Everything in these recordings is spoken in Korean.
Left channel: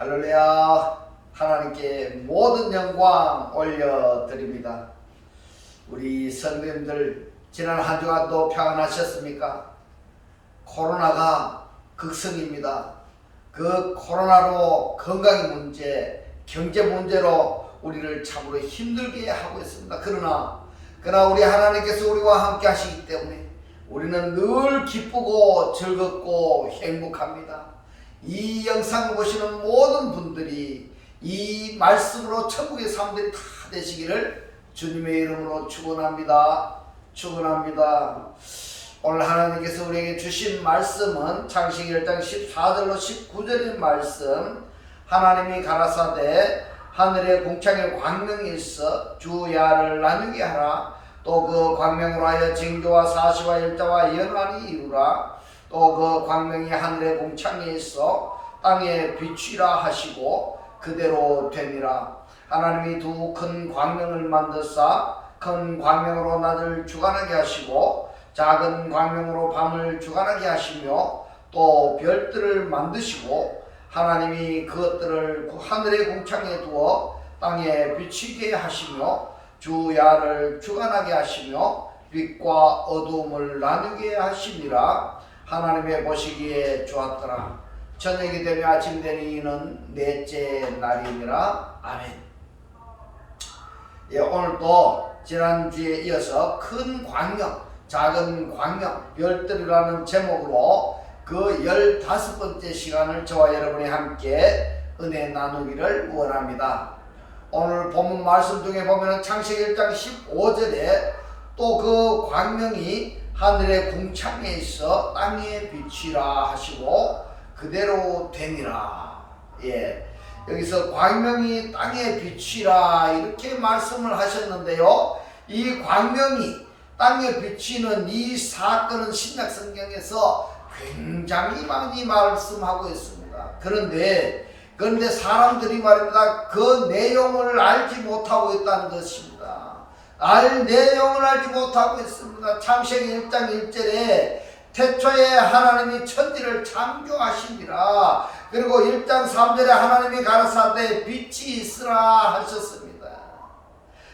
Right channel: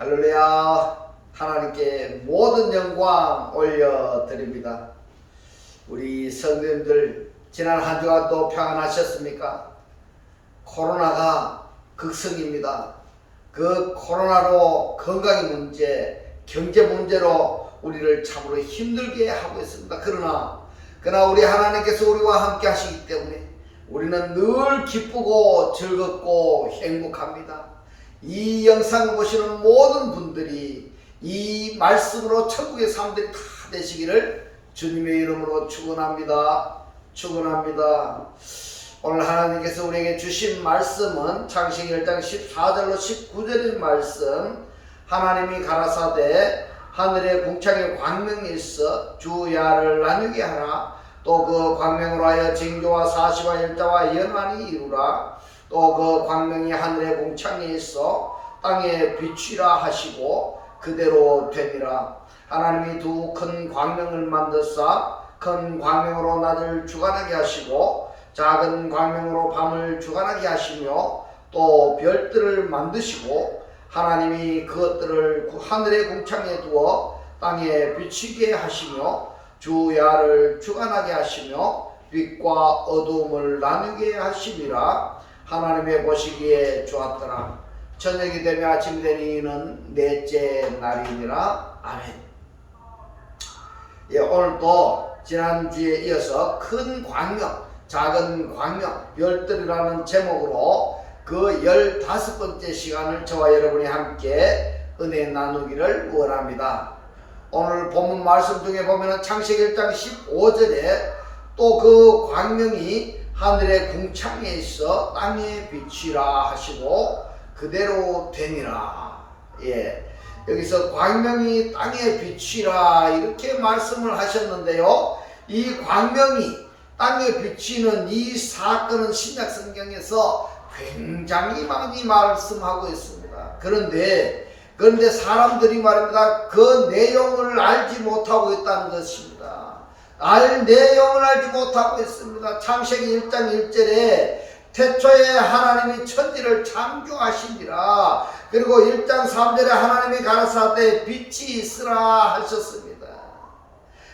할렐루야. 하나님께 모든 영광 올려드립니다. 우리 성도님들 지난 한 주간도 평안하셨습니까? 코로나가 극성입니다. 그 코로나로 건강의 문제, 경제 문제로 우리를 참으로 힘들게 하고 있습니다. 그러나 우리 하나님께서 우리와 함께 하시기 때문에 우리는 늘 기쁘고 즐겁고 행복합니다. 이 영상을 보시는 모든 분들이 이 말씀으로 천국의 사람들이 다 되시기를 주님의 이름으로 축원합니다. 축원합니다. 오늘 하나님께서 우리에게 주신 말씀은 창세기 1장 14절로 19절의 말씀. 하나님이 가라사대 하늘의 궁창에 광명이 있어 주야를 나누게 하라. 또 그 광명으로 하여 징조와 사시와 일자와 연한이 이루라. 또 그 광명이 하늘의 궁창에 있어 땅에 비추라 하시고 그대로 되니라. 하나님이 두 큰 광명을 만드사 큰 광명으로 낮을 주관하게 하시고 작은 광명으로 밤을 주관하게 하시며 또 별들을 만드시고 하나님이 그것들을 하늘의 궁창에 두어 땅에 비추게 하시며 주야를 주관하게 하시며 빛과 어두움을 나누게 하심이라. 하나님의 보시기에 좋았더라. 저녁이 되며 아침이 되니는 넷째 날이니라. 아멘. 오늘도 지난주에 이어서 큰 광명, 작은 광명, 별들이라는 제목으로 그 15번째 시간을 저와 여러분이 함께 은혜 나누기를 원합니다. 오늘 본문 말씀 중에 보면 창세기 1장 15절에 또 그 광명이 하늘의 궁창에 있어 땅에 비치라 하시고 그대로 되니라. 여기서 광명이 땅에 비치라 이렇게 말씀을 하셨는데요. 이 광명이 땅에 비치는 이 사건은 신약 성경에서 굉장히 많이 말씀하고 있습니다. 그런데 사람들이 말입니다. 그 내용을 알지 못하고 있다는 것입니다. 내용을 알지 못하고 있습니다. 창세기 1장 1절에 태초에 하나님이 천지를 창조하시니라. 그리고 1장 3절에 하나님이 가라사대 빛이 있으라 하셨습니다.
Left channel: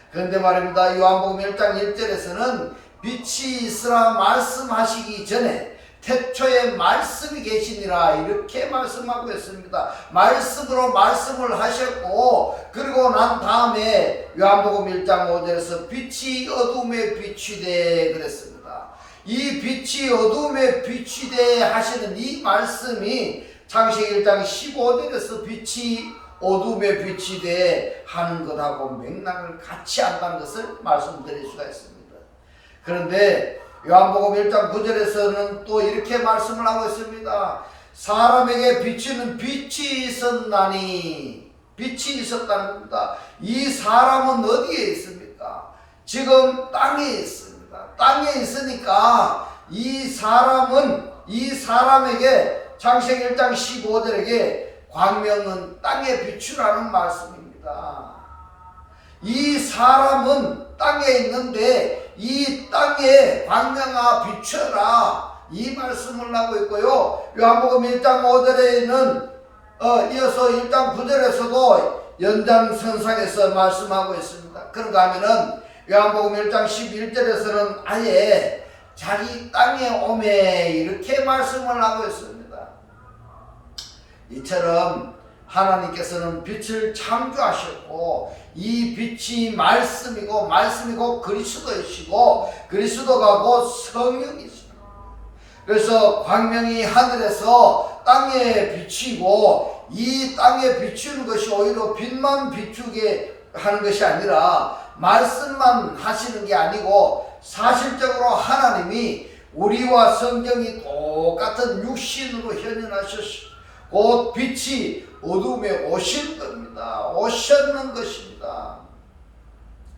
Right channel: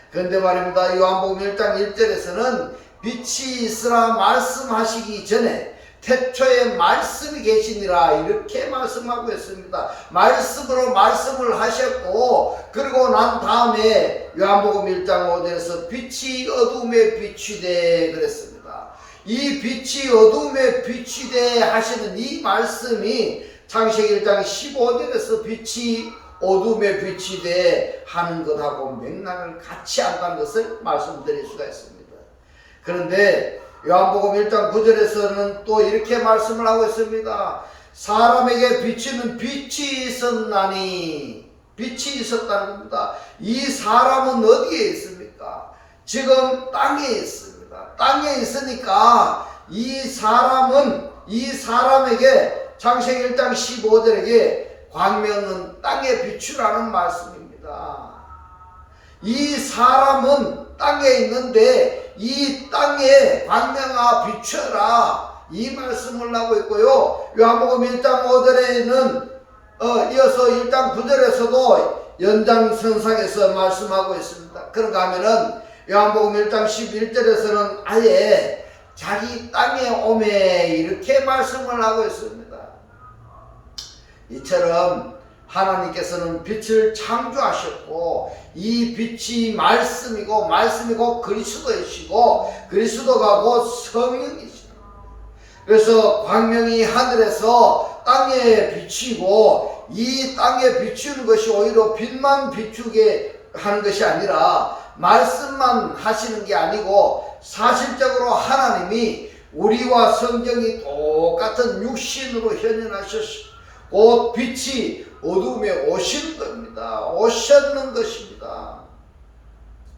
그런데 말입니다. 요한복음 1장 1절에서는 빛이 있으라 말씀하시기 전에 태초에 말씀이 계시니라 이렇게 말씀하고 있습니다. 말씀으로 말씀을 하셨고 그리고 난 다음에 요한복음 1장 5절에서 빛이 어둠에 비추되 그랬습니다. 이 빛이 어둠에 비추되 하시는 이 말씀이 창세기 1장 15절에서 빛이 어둠에 비추되 하는 것하고 맥락을 같이 한다는 것을 말씀드릴 수가 있습니다. 그런데 요한복음 1장 9절에서는 또 이렇게 말씀을 하고 있습니다. 사람에게 비치는 빛이 있었나니, 빛이 있었다는 겁니다. 이 사람은 어디에 있습니까? 지금 땅에 있습니다. 땅에 있으니까 이 사람에게 창세기 1장 15절에게 광명은 땅에 비추라는 말씀입니다. 이 사람은 땅에 있는데 이 땅에 광명아 비춰라 이 말씀을 하고 있고요. 요한복음 1장 5절에는 이어서 1장 9절에서도 연장선상에서 말씀하고 있습니다. 그런가 하면은 요한복음 1장 11절에서는 아예 자기 땅에 오매 이렇게 말씀을 하고 있습니다. 이처럼 하나님께서는 빛을 창조하셨고 이 빛이 말씀이고 그리스도이시고 그리스도가 곧 성령이시다. 그래서 광명이 하늘에서 땅에 비치고 이 땅에 비추는 것이 오히려 빛만 비추게 하는 것이 아니라 말씀만 하시는 게 아니고 사실적으로 하나님이 우리와 성경이 똑같은 육신으로 현현하셨고 곧 빛이 어둠에 오신 겁니다. 오셨는 것입니다.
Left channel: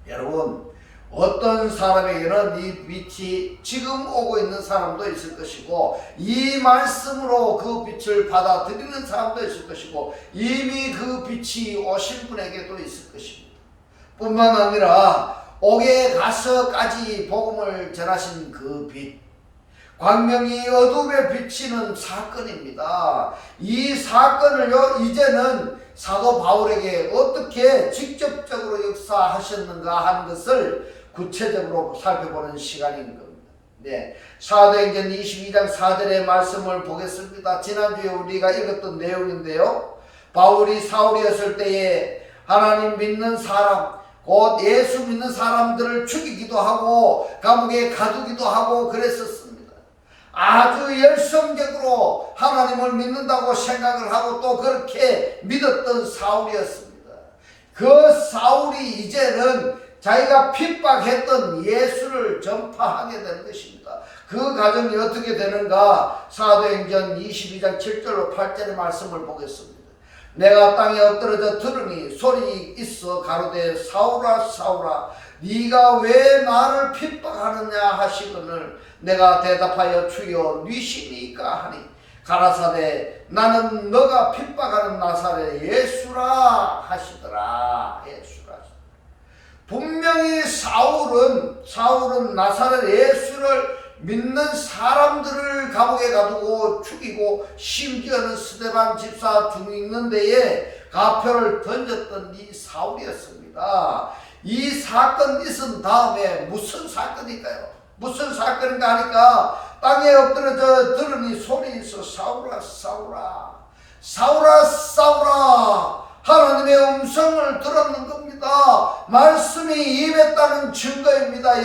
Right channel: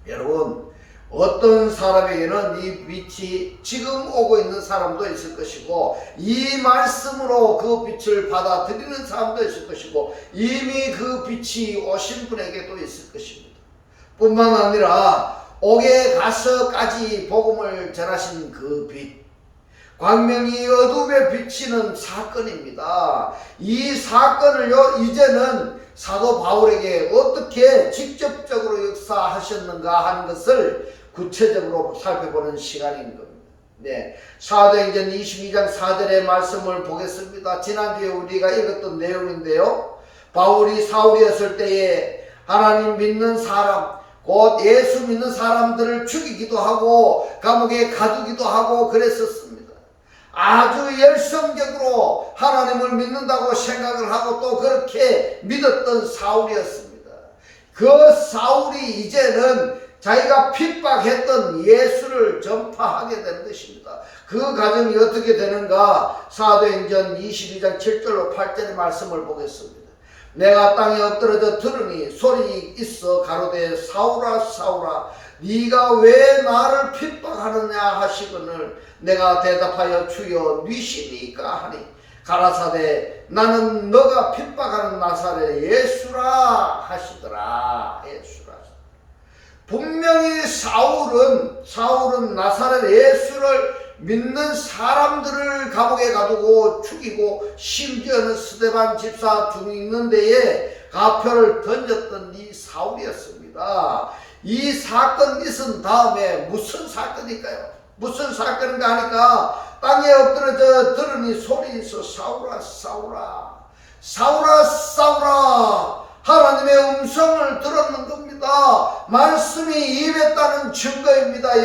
여러분, 어떤 사람에게는 이 빛이 지금 오고 있는 사람도 있을 것이고 이 말씀으로 그 빛을 받아들이는 사람도 있을 것이고 이미 그 빛이 오신 분에게도 있을 것입니다. 뿐만 아니라 옥에 가서까지 복음을 전하신 그 빛, 광명이 어둠에 비치는 사건입니다. 이 사건을요, 이제는 사도 바울에게 어떻게 직접적으로 역사하셨는가 하는 것을 구체적으로 살펴보는 시간인 겁니다. 네, 사도행전 22장 4절의 말씀을 보겠습니다. 지난주에 우리가 읽었던 내용인데요, 바울이 사울이었을 때에 하나님 믿는 사람, 곧 예수 믿는 사람들을 죽이기도 하고 감옥에 가두기도 하고 그랬었습니다. 아주 열성적으로 하나님을 믿는다고 생각을 하고 또 그렇게 믿었던 사울이었습니다. 그 사울이 이제는 자기가 핍박했던 예수를 전파하게 되는 것입니다. 그 과정이 어떻게 되는가? 사도행전 22장 7절로 8절의 말씀을 보겠습니다. 내가 땅에 엎드러져 들으니 소리 있어 가로되 사울아 사울아 네가 왜 나를 핍박하느냐 하시거늘 내가 대답하여 주여 니시니까 하니 가라사대 나는 너가 핍박하는 나사렛 예수라 하시더라. 예수라. 분명히 사울은 나사렛 예수를 믿는 사람들을 감옥에 가두고 죽이고 심지어는 스데반 집사 죽는 데에 가표를 던졌던 이 사울이었습니다. 이 사건 있은 다음에 무슨 사건일까요? 무슨 사건인가 하니까 땅에 엎드려져 들으니 소리 있어 사울아 사울아 사울아 사울아 하나님의 음성을 들었는 겁니다. 말씀이 임했다는 증거입니다.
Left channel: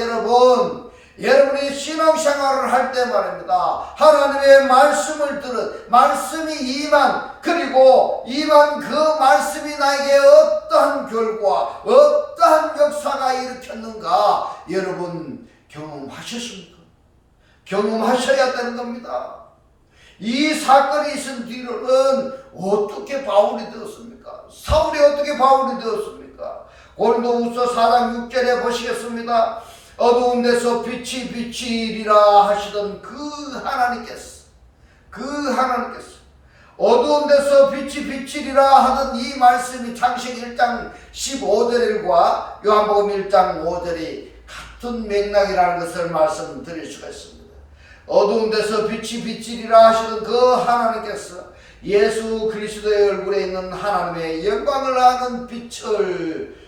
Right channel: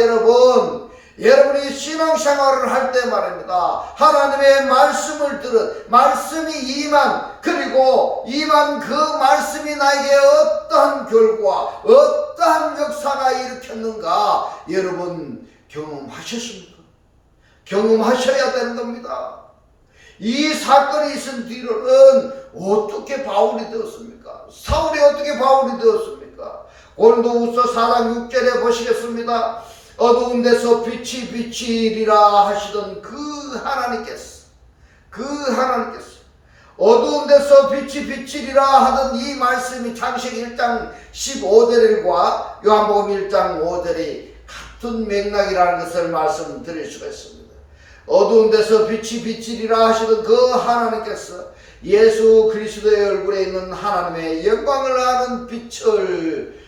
여러분이 신앙생활을 할 때 말입니다. 하나님의 말씀을 들은 말씀이 임한 그리고 임한 그 말씀이 나에게 어떠한 결과 어떠한 역사가 일으켰는가 여러분 경험하셨습니까? 경험하셔야 되는 겁니다. 이 사건이 있은 뒤로는 어떻게 바울이 되었습니까? 사울이 어떻게 바울이 되었습니까? 고린도후서 4장 6절에 보시겠습니다. 어두운 데서 빛이 비치리라 하시던 그 하나님께서 어두운 데서 빛이 비치리라 하던 이 말씀이 창세기 1장 15절과 요한복음 1장 5절이 같은 맥락이라는 것을 말씀드릴 수가 있습니다. 어두운 데서 빛이 비치리라 하시던 그 하나님께서 예수 그리스도의 얼굴에 있는 하나님의 영광을 아는 빛을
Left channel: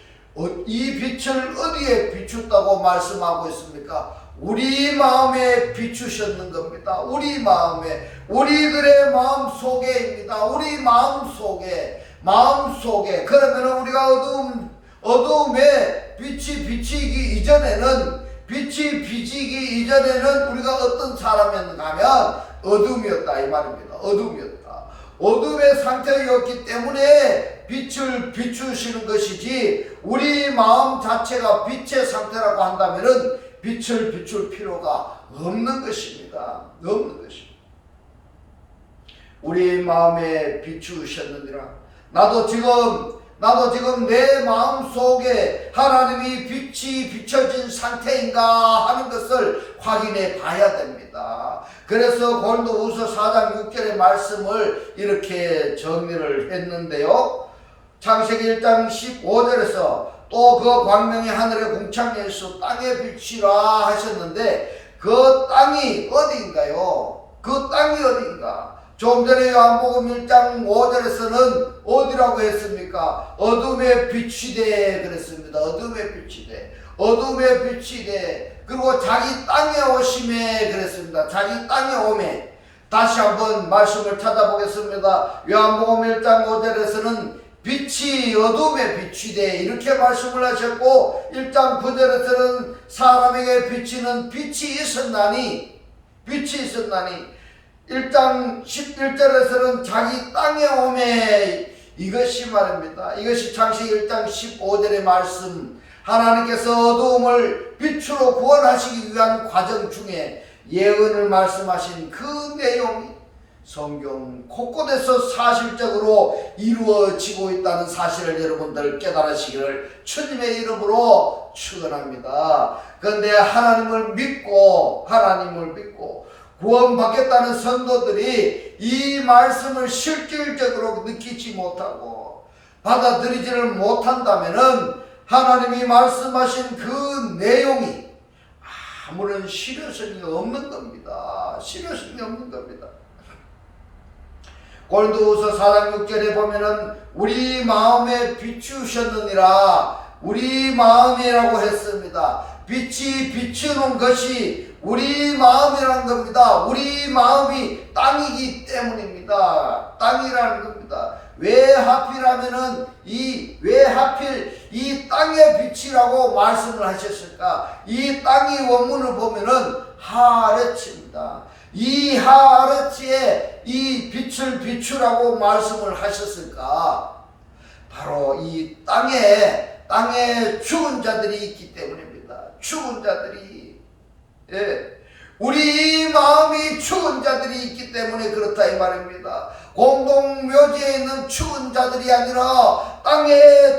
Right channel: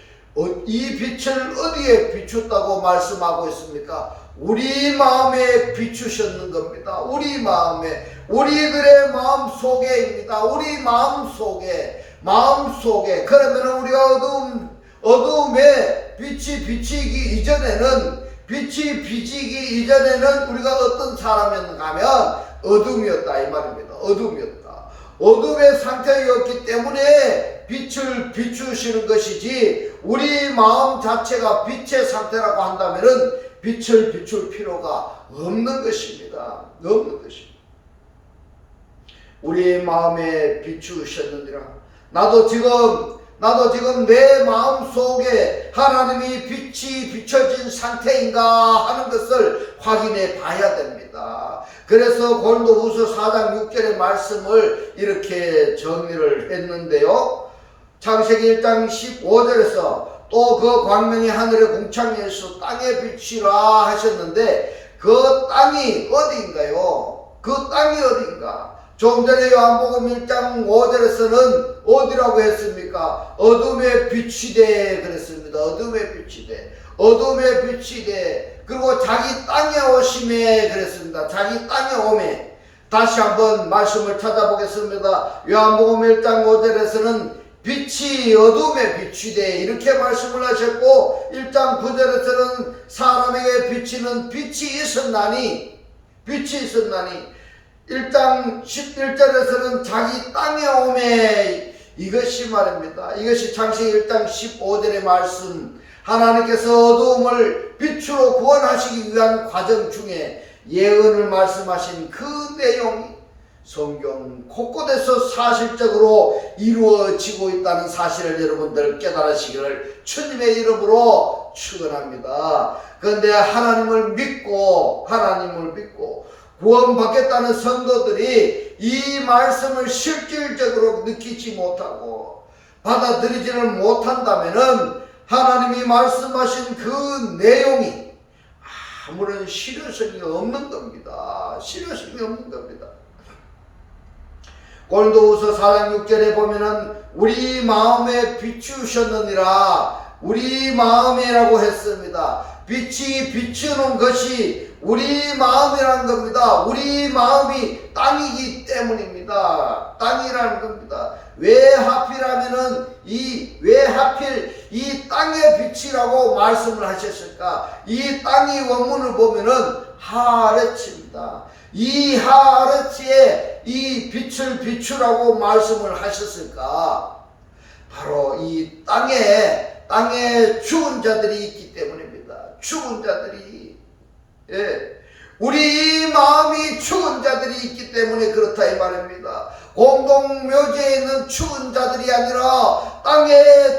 이 빛을 어디에 비추었다고 말씀하고 있습니까? 우리 마음에 비추셨는 겁니다. 우리 마음에 우리들의 마음 속에입니다. 우리 마음 속에 그러면 우리가 어두움에 빛이 비치기 이전에는 우리가 어떤 사람이었는가 하면 어둠이었다 이 말입니다. 어둠의 상태였기 때문에 빛을 비추시는 것이지 우리 마음 자체가 빛의 상태라고 한다면은 빛을 비출 필요가 없는 것입니다. 우리 마음에 비추셨느니라. 나도 지금 내 마음 속에 하나님이 빛이 비춰진 상태인가 하는 것을 확인해 봐야 됩니다. 그래서 고린도후서 4장 6절의 말씀을 이렇게 정리를 했는데요. 창세기 1장 15절에서 또 그 광명이 하늘의 궁창에서 땅에 비치라 하셨는데 그 땅이 어디인가요? 그 땅이 어디인가? 좀 전에 요한복음 1장 5절에서는 어디라고 했습니까? 어둠에 비치되 그랬습니다. 어둠에 비치되 그리고 자기 땅에 오심에 그랬습니다. 자기 땅에 오매. 다시 한번 말씀을 찾아보겠습니다. 요한복음 1장 5절에서는 빛이 어둠에 비치되 이렇게 말씀을 하셨고 1장 9절에서는 사람에게 비치는 빛이 있었나니 1장 11절에서는 자기 땅에 오매 이것이 말입니다. 이것이 창세기 1장 15절의 말씀 하나님께서 어두움을 빛으로 구원하시기 위한 과정 중에 예언을 말씀하신 그 내용이 성경 곳곳에서 사실적으로 이루어지고 있다는 사실을 여러분들 깨달으시기를 주님의 이름으로 축원합니다. 그런데 하나님을 믿고 구원받겠다는 성도들이 이 말씀을 실질적으로 느끼지 못하고 받아들이지를 못한다면은 하나님이 말씀하신 그 내용이 아무런 실효성이 없는 겁니다. 실효성이 없는 겁니다. 고린도후서 4장 6절에 보면은 우리 마음에 비추셨느니라, 우리 마음이라고 했습니다. 빛이 비추는 것이 우리 마음이라는 겁니다. 우리 마음이 땅이기 때문입니다. 땅이라는 겁니다. 왜 하필이면 이 땅의 빛이라고 말씀을 하셨을까? 이 땅이 원문을 보면은 하르츠입니다. 이 하르츠에 이 빛을 비추라고 말씀을 하셨을까? 바로 이 땅에 죽은 자들이 있기 때문입니다. 죽은 자들이, 우리 마음이 죽은 자들이 있기 때문에 그렇다 이 말입니다. 공동묘지에 있는 죽은 자들이 아니라 땅 위에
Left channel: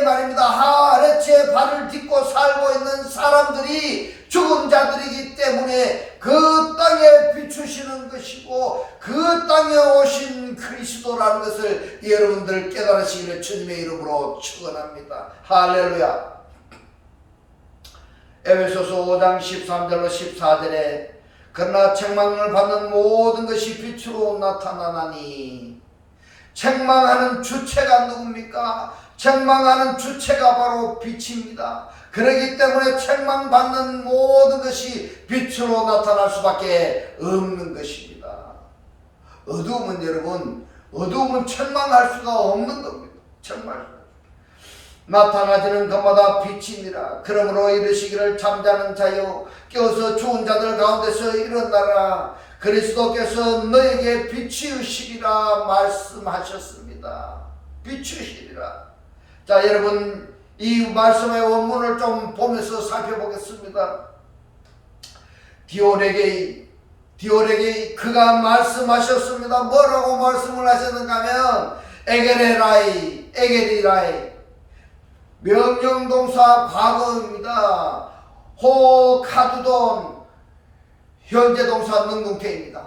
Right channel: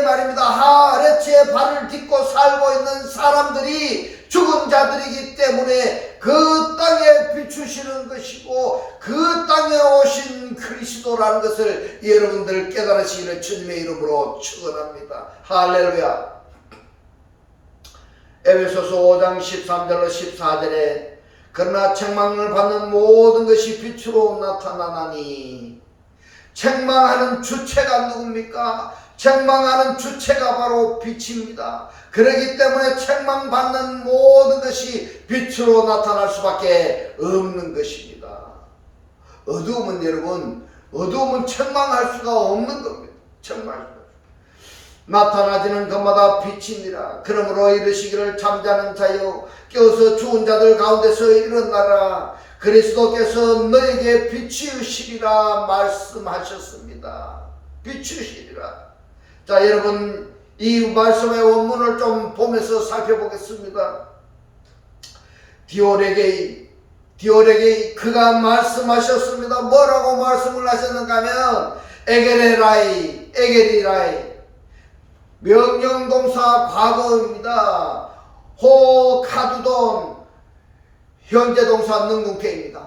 말입니다. 하르츠에 발을 딛고 살고 있는 사람들이 죽은 자들이기 때문에 그 땅에 비추시는 것이고 그 땅에 오신 그리스도라는 것을 여러분들 깨달으시기를 주님의 이름으로 축원합니다. 할렐루야. 에베소서 5장 13절로 14절에 그러나 책망을 받는 모든 것이 빛으로 나타나나니, 책망하는 주체가 누굽니까? 책망하는 주체가 바로 빛입니다. 그렇기 때문에 책망받는 모든 것이 빛으로 나타날 수밖에 없는 것입니다. 어두움은 여러분, 어두움은 책망할 수가 없는 겁니다. 책망할 수가. 나타나지는 것마다 빛이니라. 그러므로 이르시기를 잠자는 자여 깨어서 죽은 자들 가운데서 일어나라. 그리스도께서 너에게 비추시리라 말씀하셨습니다. 비추시리라. 자, 여러분 이 말씀의 원문을 좀 보면서 살펴보겠습니다. 디오레게이 그가 말씀하셨습니다. 뭐라고 말씀을 하셨는가 하면 에게리라이 명령동사 과거입니다. 호카두돈 현재동사 능동태입니다.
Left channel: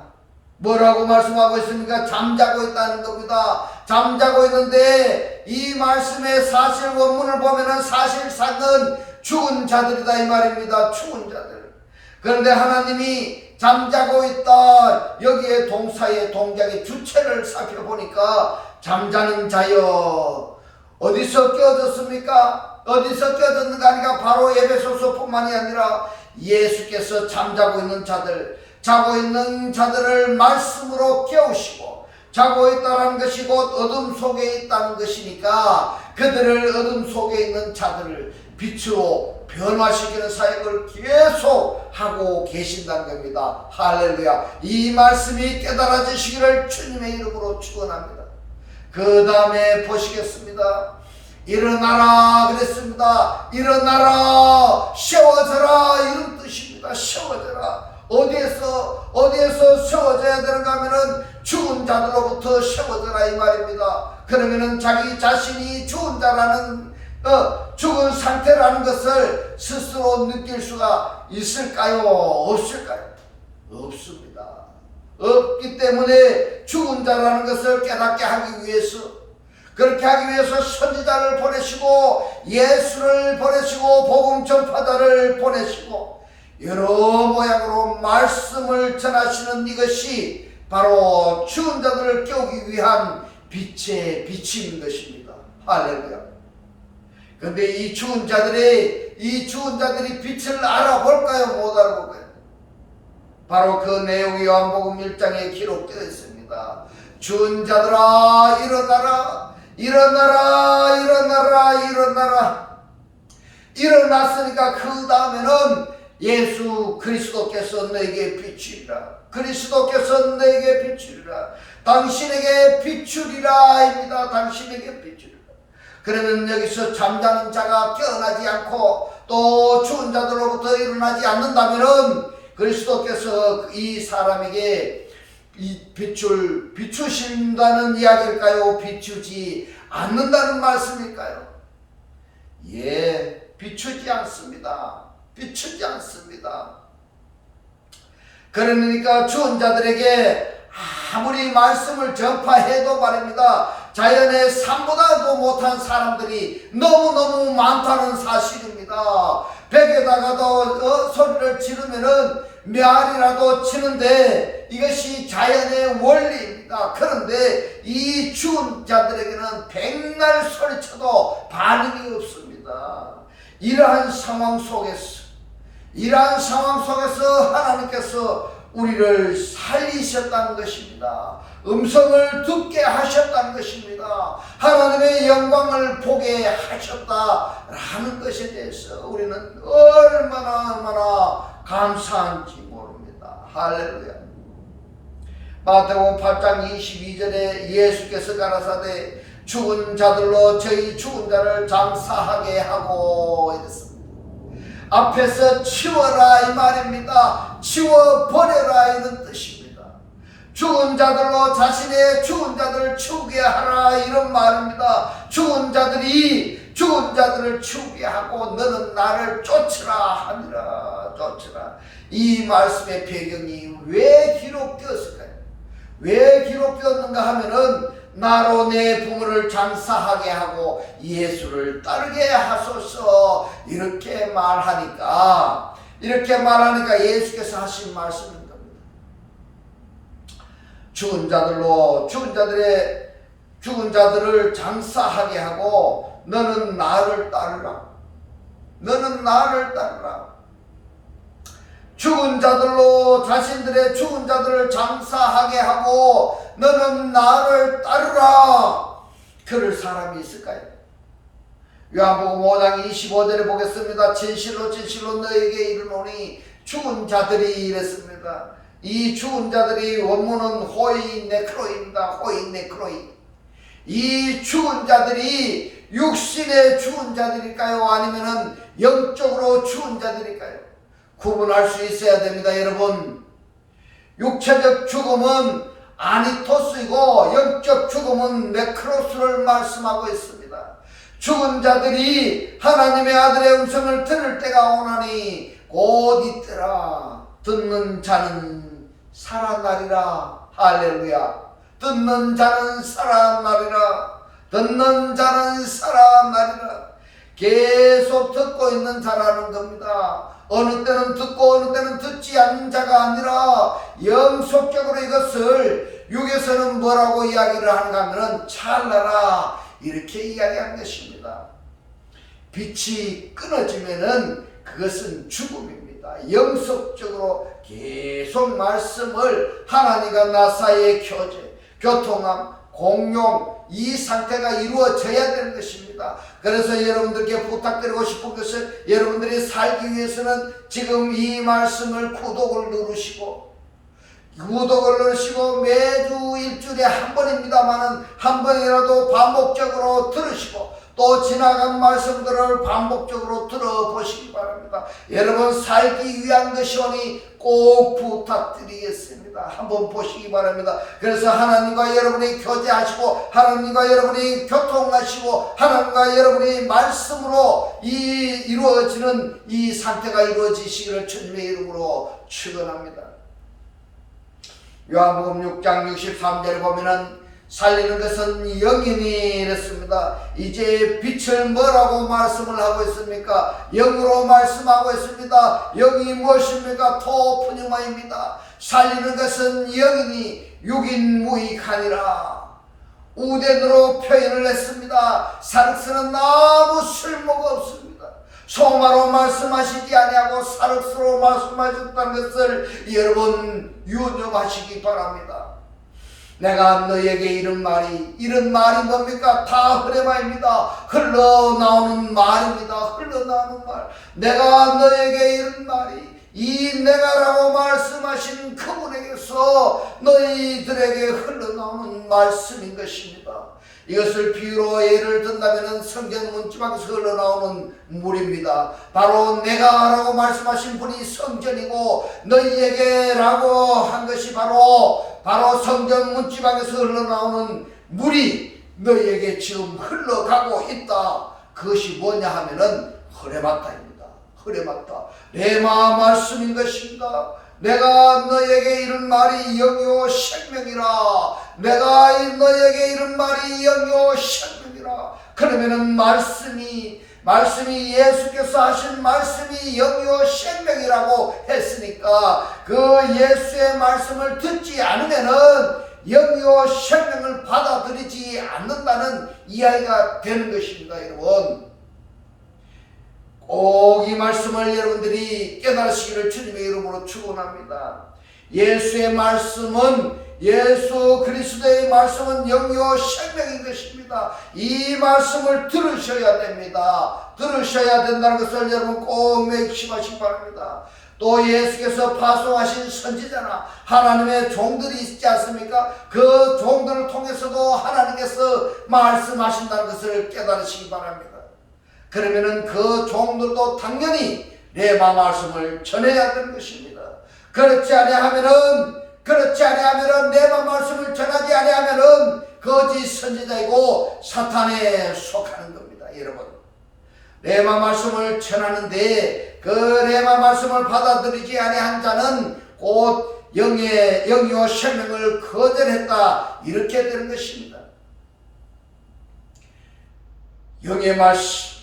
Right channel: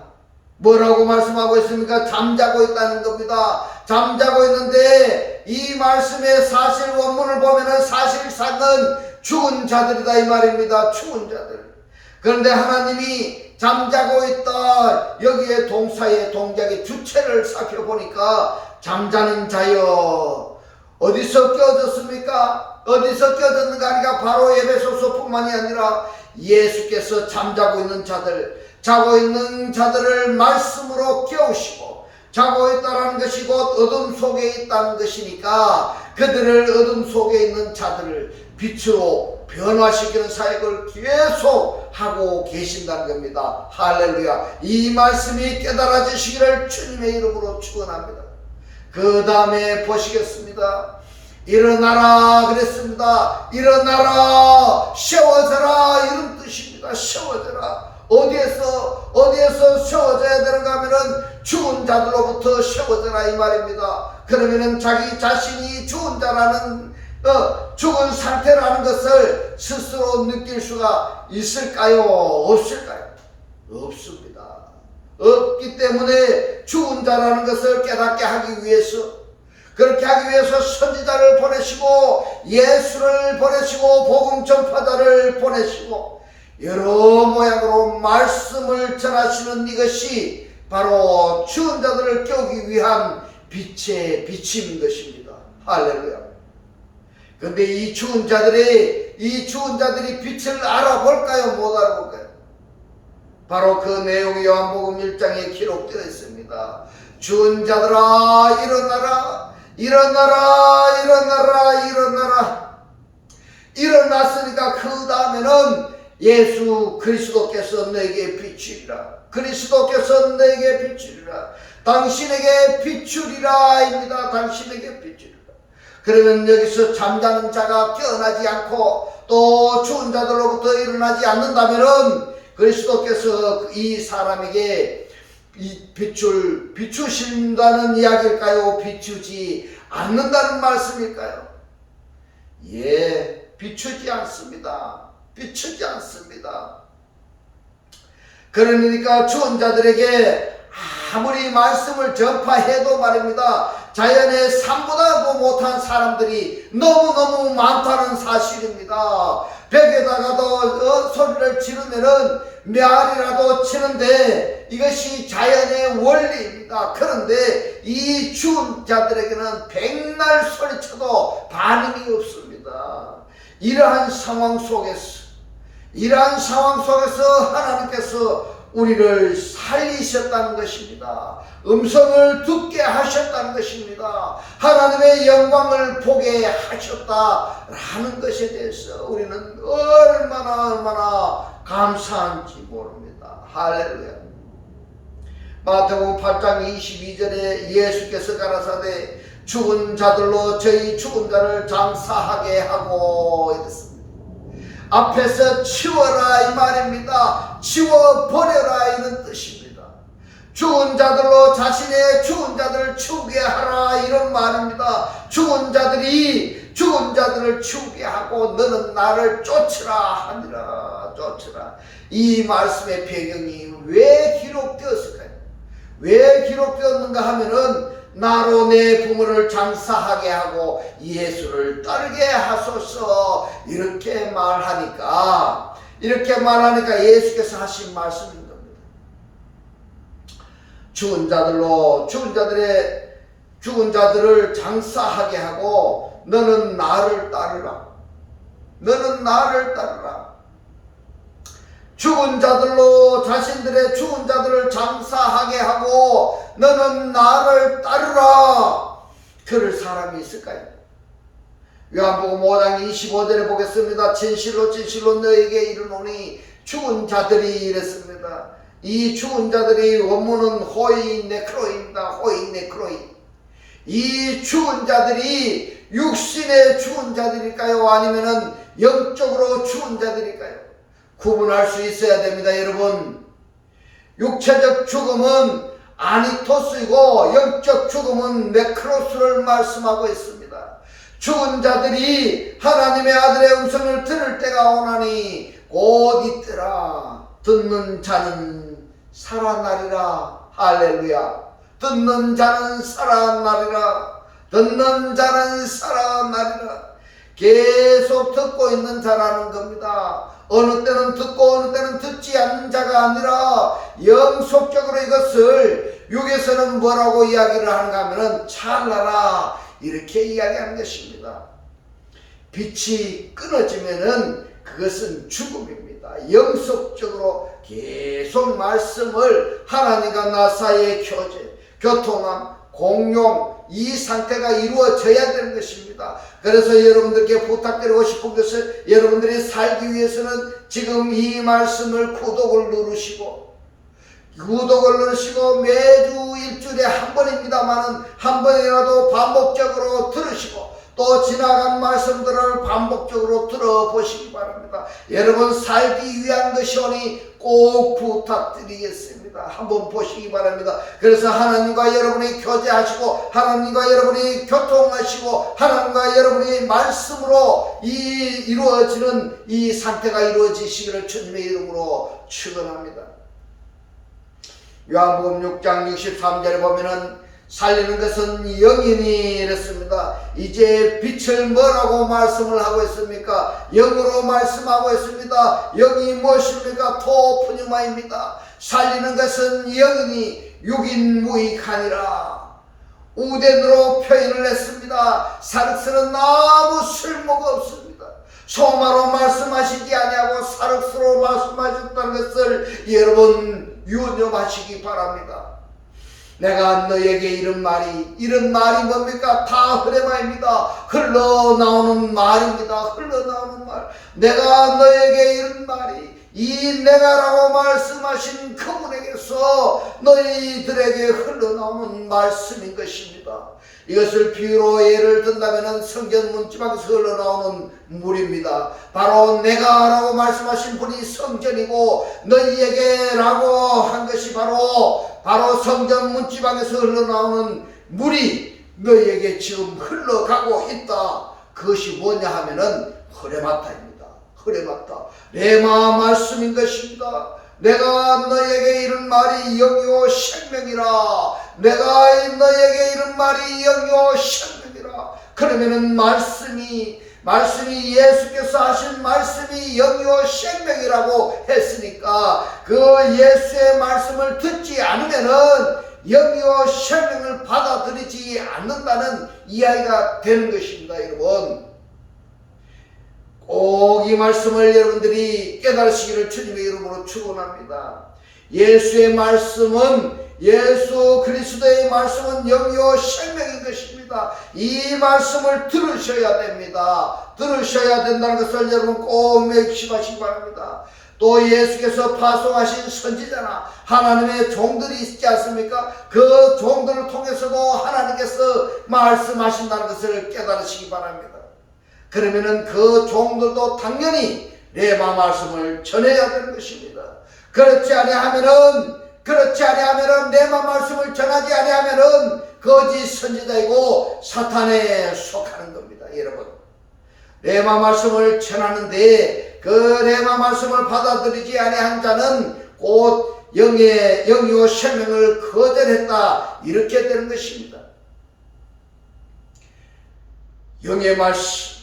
뭐라고 말씀하고 있습니까? 잠자고 있다는 겁니다. 잠자고 있는데 이 말씀의 사실 원문을 보면은 사실상은 죽은 자들이다 이 말입니다. 죽은 자들. 그런데 하나님이 잠자고 있다, 여기에 동사의 동작의 주체를 살펴보니까 잠자는 자여, 어디서 깨어졌습니까? 어디서 깨어졌는가 하니까 바로 에베소서뿐만이 아니라 예수께서 잠자고 있는 자들, 자고 있는 자들을 말씀으로 깨우시고, 자고 있다는 것이 곧 어둠 속에 있다는 것이니까 그들을 어둠 속에 있는 자들을 빛으로 변화시키는 사역을 계속 하고 계신다는 겁니다. 할렐루야. 이 말씀이 깨달아지시기를 주님의 이름으로 축원합니다. 그 다음에 보시겠습니다. 일어나라 그랬습니다. 일어나라, 세워져라, 이런 뜻입니다. 세워져라. 어디에서 세워져야 되는가 하면은 죽은 자들로부터 세워져라 이 말입니다. 그러면은 자기 자신이 죽은 자라는 죽은 상태라는 것을 스스로 느낄 수가 있을까요? 없을까요? 없습니다. 없기 때문에 죽은 자라는 것을 깨닫게 하기 위해서, 그렇게 하기 위해서 선지자를 보내시고 예수를 보내시고 복음 전파자를 보내시고 여러 모양으로 말씀을 전하시는 이것이 바로 죽은 자들을 깨우기 위한 빛의 빛인 것입니다. 할렐루야. 그런데 이 죽은 자들이 빛을 알아볼까요? 못 알아볼까요? 바로 그 내용이 요한복음 1장에 기록되어 있습니다. 죽은 자들아 일어나라, 일어나라, 일어나라, 일어나라. 일어났으니까 그 다음에는 예수 그리스도께서 너에게 비추리라. 그리스도께서 너에게 비추리라. 당신에게 비추리라입니다. 당신에게 비추리라. 그러면 여기서 잠자는 자가 깨어나지 않고 또 죽은 자들로부터 일어나지 않는다면은 그리스도께서 이 사람에게 이 비추신다는 이야기일까요? 비추지 않는다는 말씀일까요? 예, 비추지 않습니다. 비추지 않습니다. 그러니까 죽은 자들에게 아무리 말씀을 전파해도 말입니다, 자연의 삶보다도 못한 사람들이 너무너무 많다는 사실입니다. 벽에다가도 소리를 지르면은 메아리라도 치는데 이것이 자연의 원리입니다. 그런데 이 죽은 자들에게는 백날 소리쳐도 반응이 없습니다. 이러한 상황 속에서 하나님께서 우리를 살리셨다는 것입니다. 음성을 듣게 하셨다는 것입니다. 하나님의 영광을 보게 하셨다라는 것에 대해서 우리는 얼마나 감사한지 모릅니다. 할렐루야. 마태복음 8장 22절에 예수께서 가라사대 죽은 자들로 저희 죽은 자를 장사하게 하고 이랬습니다. 앞에서 치워라 이 말입니다. 치워버려라 이런 뜻입니다. 죽은 자들로 자신의 죽은 자들을 치우게 하라 이런 말입니다. 죽은 자들을 치우게 하고 너는 나를 쫓으라 하니라. 쫓으라. 이 말씀의 배경이 왜 기록되었을까요? 왜 기록되었는가 하면은 나로 내 부모를 장사하게 하고 예수를 따르게 하소서 이렇게 말하니까 예수께서 하신 말씀인 겁니다. 죽은 자들을 장사하게 하고 너는 나를 따르라. 죽은 자들로 자신들의 죽은 자들을 장사하게 하고 너는 나를 따르라. 그럴 사람이 있을까요? 요한복음 5장 25절에 보겠습니다. 진실로 너에게 이르노니 죽은 자들이 이랬습니다. 이 죽은 자들이 원문은 호이 네크로입니다. 이 죽은 자들이 육신의 죽은 자들일까요? 아니면은 영적으로 죽은 자들일까요? 구분할 수 있어야 됩니다. 여러분, 육체적 죽음은 아니토스이고 영적 죽음은 네크로스를 말씀하고 있습니다. 죽은 자들이 하나님의 아들의 음성을 들을 때가 오나니 곧 이때라. 듣는 자는 살아나리라. 할렐루야. 듣는 자는 살아나리라. 계속 듣고 있는 자라는 겁니다. 어느 때는 듣고 어느 때는 듣지 않는 자가 아니라 영속적으로 이것을 육에서는 뭐라고 이야기를 하는가 하면은 찰나라 이렇게 이야기하는 것입니다. 빛이 끊어지면은 그것은 죽음입니다. 영속적으로 계속 말씀을 하나님과 나 사이의 교제, 교통함, 공용 이 상태가 이루어져야 되는 것입니다. 그래서 여러분들께 부탁드리고 싶은 것은 여러분들이 살기 위해서는 지금 이 말씀을 구독을 누르시고 매주 일주일에 한 번입니다만은 한 번이라도 반복적으로 들으시고 또 지나간 말씀들을 반복적으로 들어보시기 바랍니다. 여러분 살기 위한 것이오니 꼭 부탁드리겠습니다. 한번 보시기 바랍니다. 그래서 하나님과 여러분이 교제하시고 하나님과 여러분이 교통하시고 하나님과 여러분이 말씀으로 이루어지는 이 상태가 이루어지시기를 주님의 이름으로 축원합니다. 요한복음 6장 63절에 보면은 살리는 것은 영이니 이랬습니다. 이제 빛을 뭐라고 말씀을 하고 있습니까? 영으로 말씀하고 있습니다. 영이 무엇입니까? 토프뉴마입니다. 살리는 것은 영이니 육인 무익하니라. 우덴으로 표현을 했습니다. 사륵스는 아무 쓸모가 없습니다. 소마로 말씀하시지 아니하고 사륵스로 말씀하셨다는 것을 여러분 유념하시기 바랍니다. 내가 너에게 이런 말이 뭡니까? 다 흐레마입니다. 흘러나오는 말입니다. 내가 너에게 이런 말이 이 내가라고 말씀하신 그분에게서 너희들에게 흘러나오는 말씀인 것입니다. 이것을 비유로 예를 든다면 성전 문지방에서 흘러나오는 물입니다. 바로 내가라고 말씀하신 분이 성전이고 너희에게 라고 한 것이 바로 성전 문지방에서 흘러나오는 물이 너희에게 지금 흘러가고 있다. 그것이 뭐냐 하면은 흐레마타입니다. 레마 말씀인 것입니다. 내가 너에게 이런 말이 영이요 생명이라. 그러면은 말씀이 말씀이 예수께서 하신 말씀이 영이요 생명이라고 했으니까 그 예수의 말씀을 듣지 않으면은 영이요 생명을 받아들이지 않는다는 이야기가 되는 것입니다. 여러분, 꼭 이 말씀을 여러분들이 깨달으시기를 주님의 이름으로 축원합니다. 예수의 말씀은, 예수 그리스도의 말씀은 영이요 생명인 것입니다. 이 말씀을 들으셔야 됩니다. 들으셔야 된다는 것을 여러분 꼭 명심하시기 바랍니다. 또 예수께서 파송하신 선지자나 하나님의 종들이 있지 않습니까? 그 종들을 통해서도 하나님께서 말씀하신다는 것을 깨달으시기 바랍니다. 그러면은 그 종들도 당연히 레마 말씀을 전해야 되는 것입니다. 그렇지 아니하면은 레마 말씀을 전하지 아니하면은 거짓 선지자이고 사탄에 속하는 겁니다. 여러분, 레마 말씀을 전하는데 그 레마 말씀을 받아들이지 아니한 자는 곧 영이요 생명을 거절했다, 이렇게 되는 것입니다. 영의 말씀,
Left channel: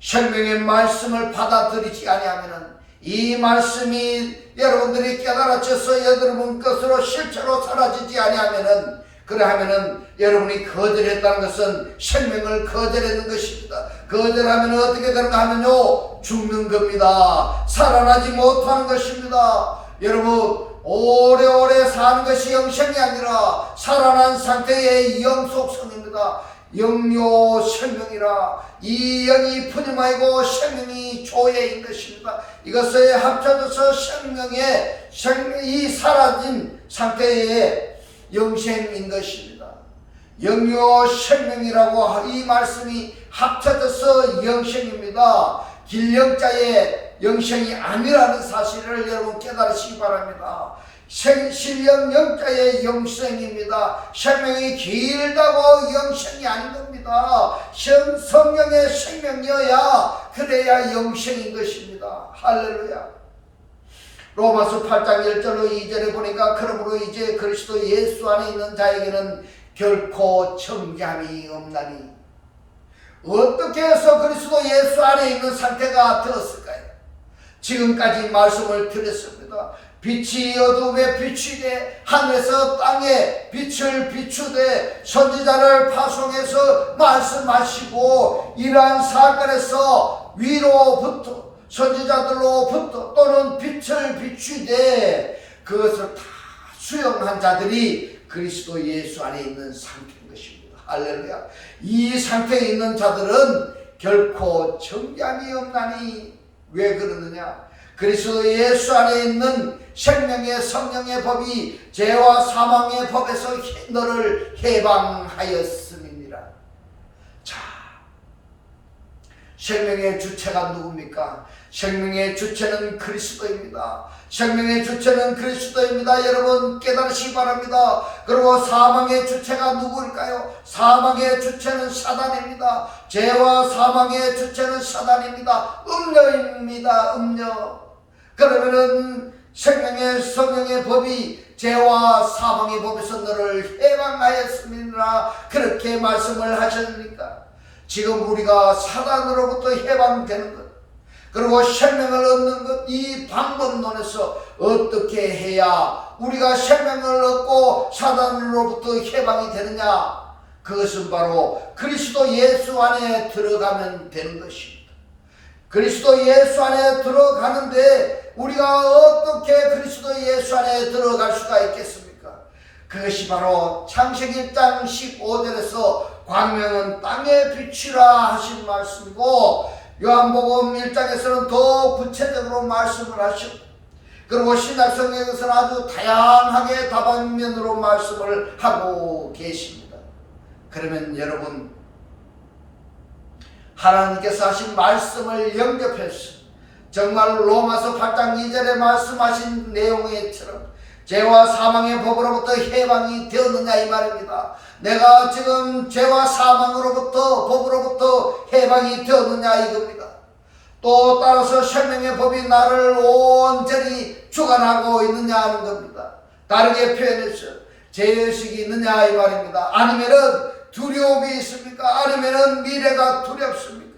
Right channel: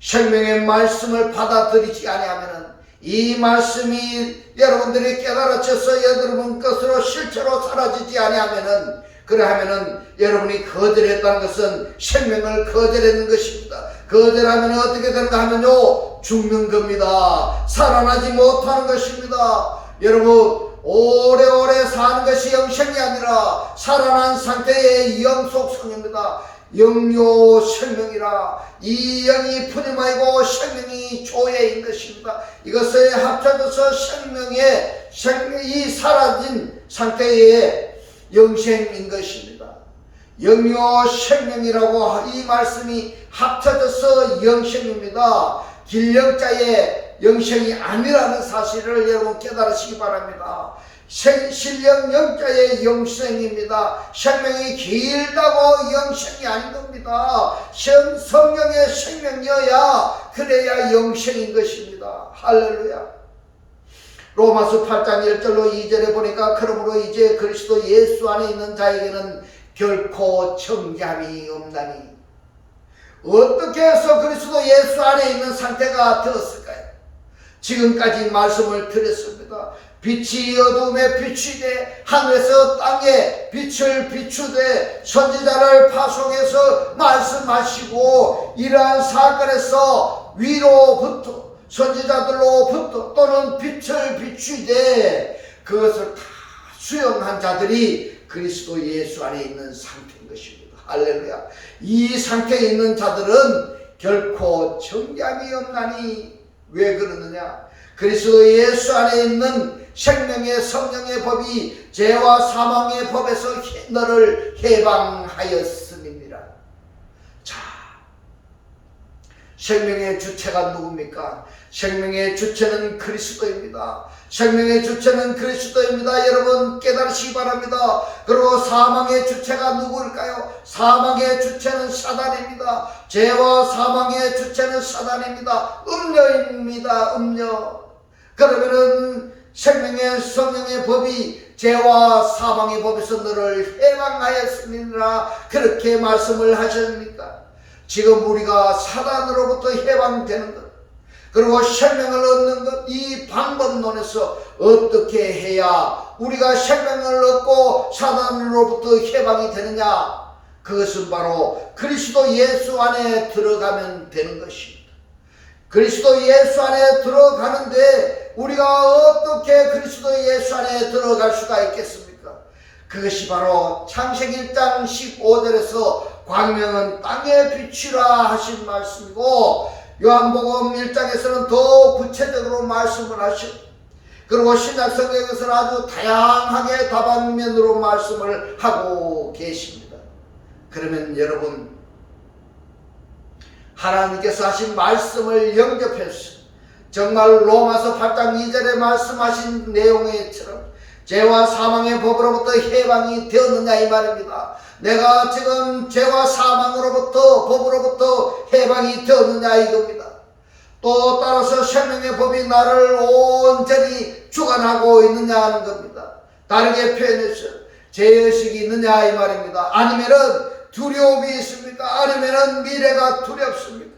생명의 말씀을 받아들이지 아니하면은 이 말씀이 여러분들이 깨달아져서 여러분 것으로 실제로 사라지지 아니하면은, 그러하면은 여러분이 거절했다는 것은 생명을 거절했는 것입니다. 거절하면 어떻게 되는가 하면요, 죽는 겁니다. 살아나지 못하는 것입니다. 여러분, 오래오래 사는 것이 영생이 아니라 살아난 상태의 영속성입니다. 영요 생명이라, 이 영이 푸념하이고 생명이 조예인 것입니다. 이것에 합쳐져서 생명이 사라진 상태의 영생인 것입니다. 영요 생명이라고 이 말씀이 합쳐져서 영생입니다. 길영자의 영생이 아니라는 사실을 여러분 깨달으시기 바랍니다. 신령 영자의 영생입니다. 생명이 길다고 영생이 아닌 겁니다. 성령의 생명이어야 그래야 영생인 것입니다. 할렐루야. 로마서 8장 1절로 2절에 보니까 그러므로 이제 그리스도 예수 안에 있는 자에게는 결코 정죄함이 없나니. 어떻게 해서 그리스도 예수 안에 있는 상태가 되었을까요? 지금까지 말씀을 드렸습니다. 빛이 어둠에 비추되 하늘에서 땅에 빛을 비추되 선지자를 파송해서 말씀하시고, 이러한 사건에서 위로부터 선지자들로부터 또는 빛을 비추되 그것을 다 수용한 자들이 그리스도 예수 안에 있는 상태인 것입니다. 할렐루야. 이 상태에 있는 자들은 결코 정죄함이 없나니. 왜 그러느냐? 그리스도 예수 안에 있는 생명의 성령의 법이 죄와 사망의 법에서 너를 해방하였음이니라. 자, 생명의 주체가 누굽니까? 생명의 주체는 그리스도입니다. 생명의 주체는 그리스도입니다. 여러분 깨달으시기 바랍니다. 그리고 사망의 주체가 누구일까요? 사망의 주체는 사단입니다. 죄와 사망의 주체는 사단입니다. 음녀입니다. 음녀. 그러면은 생명의 성령의 법이 죄와 사망의 법에서 너를 해방하였음이니라, 그렇게 말씀을 하셨습니까? 지금 우리가 사단으로부터 해방되는 것, 그리고 생명을 얻는 것, 이 방법론에서 어떻게 해야 우리가 생명을 얻고 사단으로부터 해방이 되느냐? 그것은 바로 그리스도 예수 안에 들어가면 되는 것입니다. 그리스도 예수 안에 들어가는데 우리가 어떻게 그리스도 예수 안에 들어갈 수가 있겠습니까? 그것이 바로 창세기 1장 15절에서 광명은 땅의 빛이라 하신 말씀이고, 요한복음 1장에서는 더 구체적으로 말씀을 하셨고, 그리고 신약성경에서는 아주 다양하게 다방면으로 말씀을 하고 계십니다. 그러면 여러분, 하나님께서 하신 말씀을 영접해서 정말 로마서 8장 2절에 말씀하신 내용에처럼 죄와 사망의 법으로부터 해방이 되었느냐 이 말입니다. 내가 지금 죄와 사망으로부터 법으로부터 해방이 되었느냐 이겁니다. 또 따라서 생명의 법이 나를 온전히 주관하고 있느냐 하는 겁니다. 다르게 표현해서 죄의식이 있느냐 이 말입니다. 아니면은 두려움이 있습니까? 아니면은 미래가 두렵습니까?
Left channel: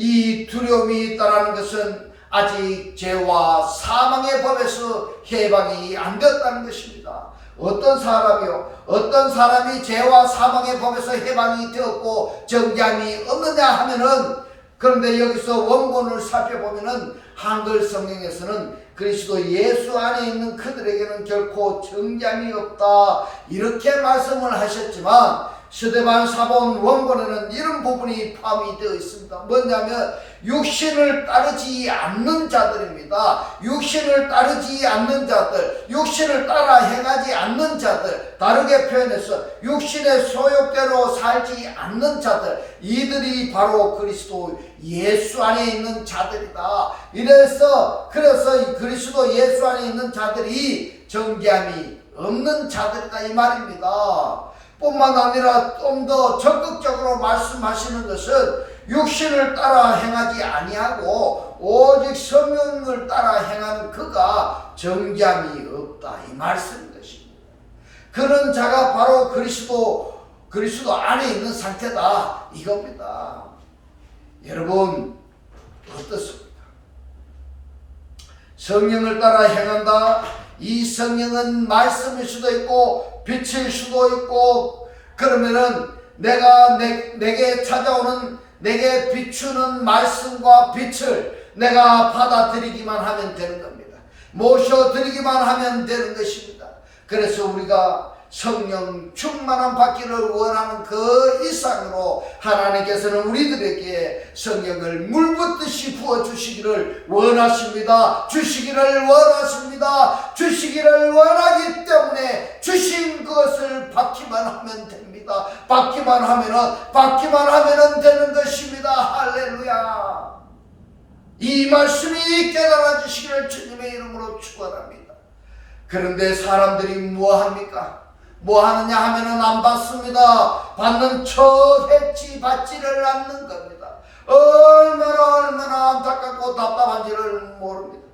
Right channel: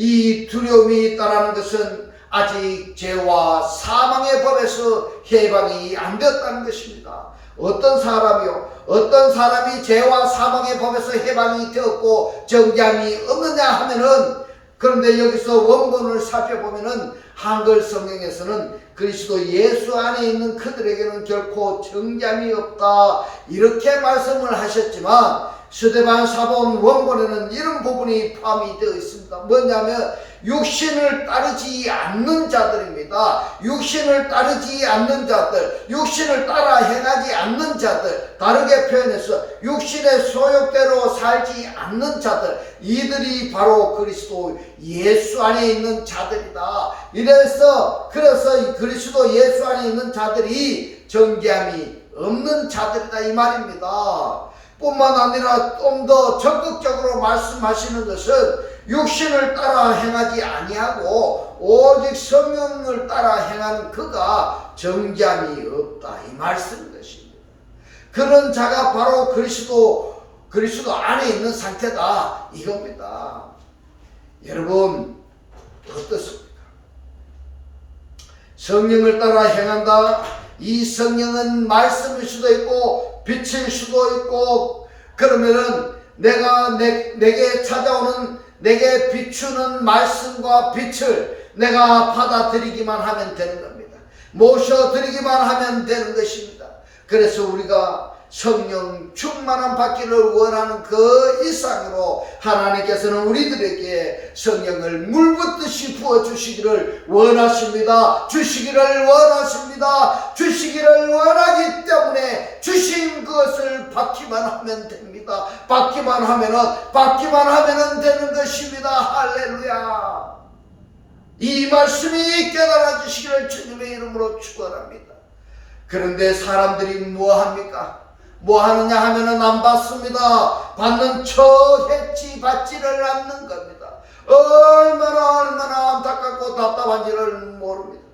이 두려움이 있다는 것은 아직 죄와 사망의 법에서 해방이 안 되었다는 것입니다. 어떤 사람이 죄와 사망의 법에서 해방이 되었고 정죄함이 없느냐 하면은, 그런데 여기서 원본을 살펴보면은 한글 성경에서는 그리스도 예수 안에 있는 그들에게는 결코 정죄함이 없다 이렇게 말씀을 하셨지만, 스데반 사본 원본에는 이런 부분이 포함이 되어 있습니다. 뭐냐면 육신을 따르지 않는 자들입니다. 육신을 따르지 않는 자들, 육신을 따라 행하지 않는 자들, 다르게 표현해서 육신의 소욕대로 살지 않는 자들, 이들이 바로 그리스도 예수 안에 있는 자들이다. 그래서 그리스도 예수 안에 있는 자들이 정죄함이 없는 자들이다 이 말입니다. 뿐만 아니라 좀 더 적극적으로 말씀하시는 것은 육신을 따라 행하지 아니하고 오직 성령을 따라 행하는 그가 정죄함이 없다 이 말씀인 것입니다. 그런 자가 바로 그리스도 안에 있는 상태다 이겁니다. 여러분 어떻습니까? 성령을 따라 행한다. 이 성령은 말씀일 수도 있고 빛일 수도 있고, 그러면은 내게 찾아오는, 내게 비추는 말씀과 빛을 내가 받아들이기만 하면 되는 겁니다. 모셔드리기만 하면 되는 것입니다. 그래서 우리가 성령 충만함 받기를 원하는 그 이상으로 하나님께서는 우리들에게 성령을 물붓듯이 부어주시기를 원하십니다. 주시기를 원하기 때문에 주신 그것을 받기만 하면 됩니다. 받기만 하면은 되는 것입니다. 할렐루야. 이 말씀이 깨달아 주시기를 주님의 이름으로 축원합니다. 그런데 사람들이 뭐합니까? 뭐 하느냐 하면은 안 받습니다. 받는 척 했지 받지를 않는 겁니다. 얼마나 안타깝고 답답한지를 모릅니다.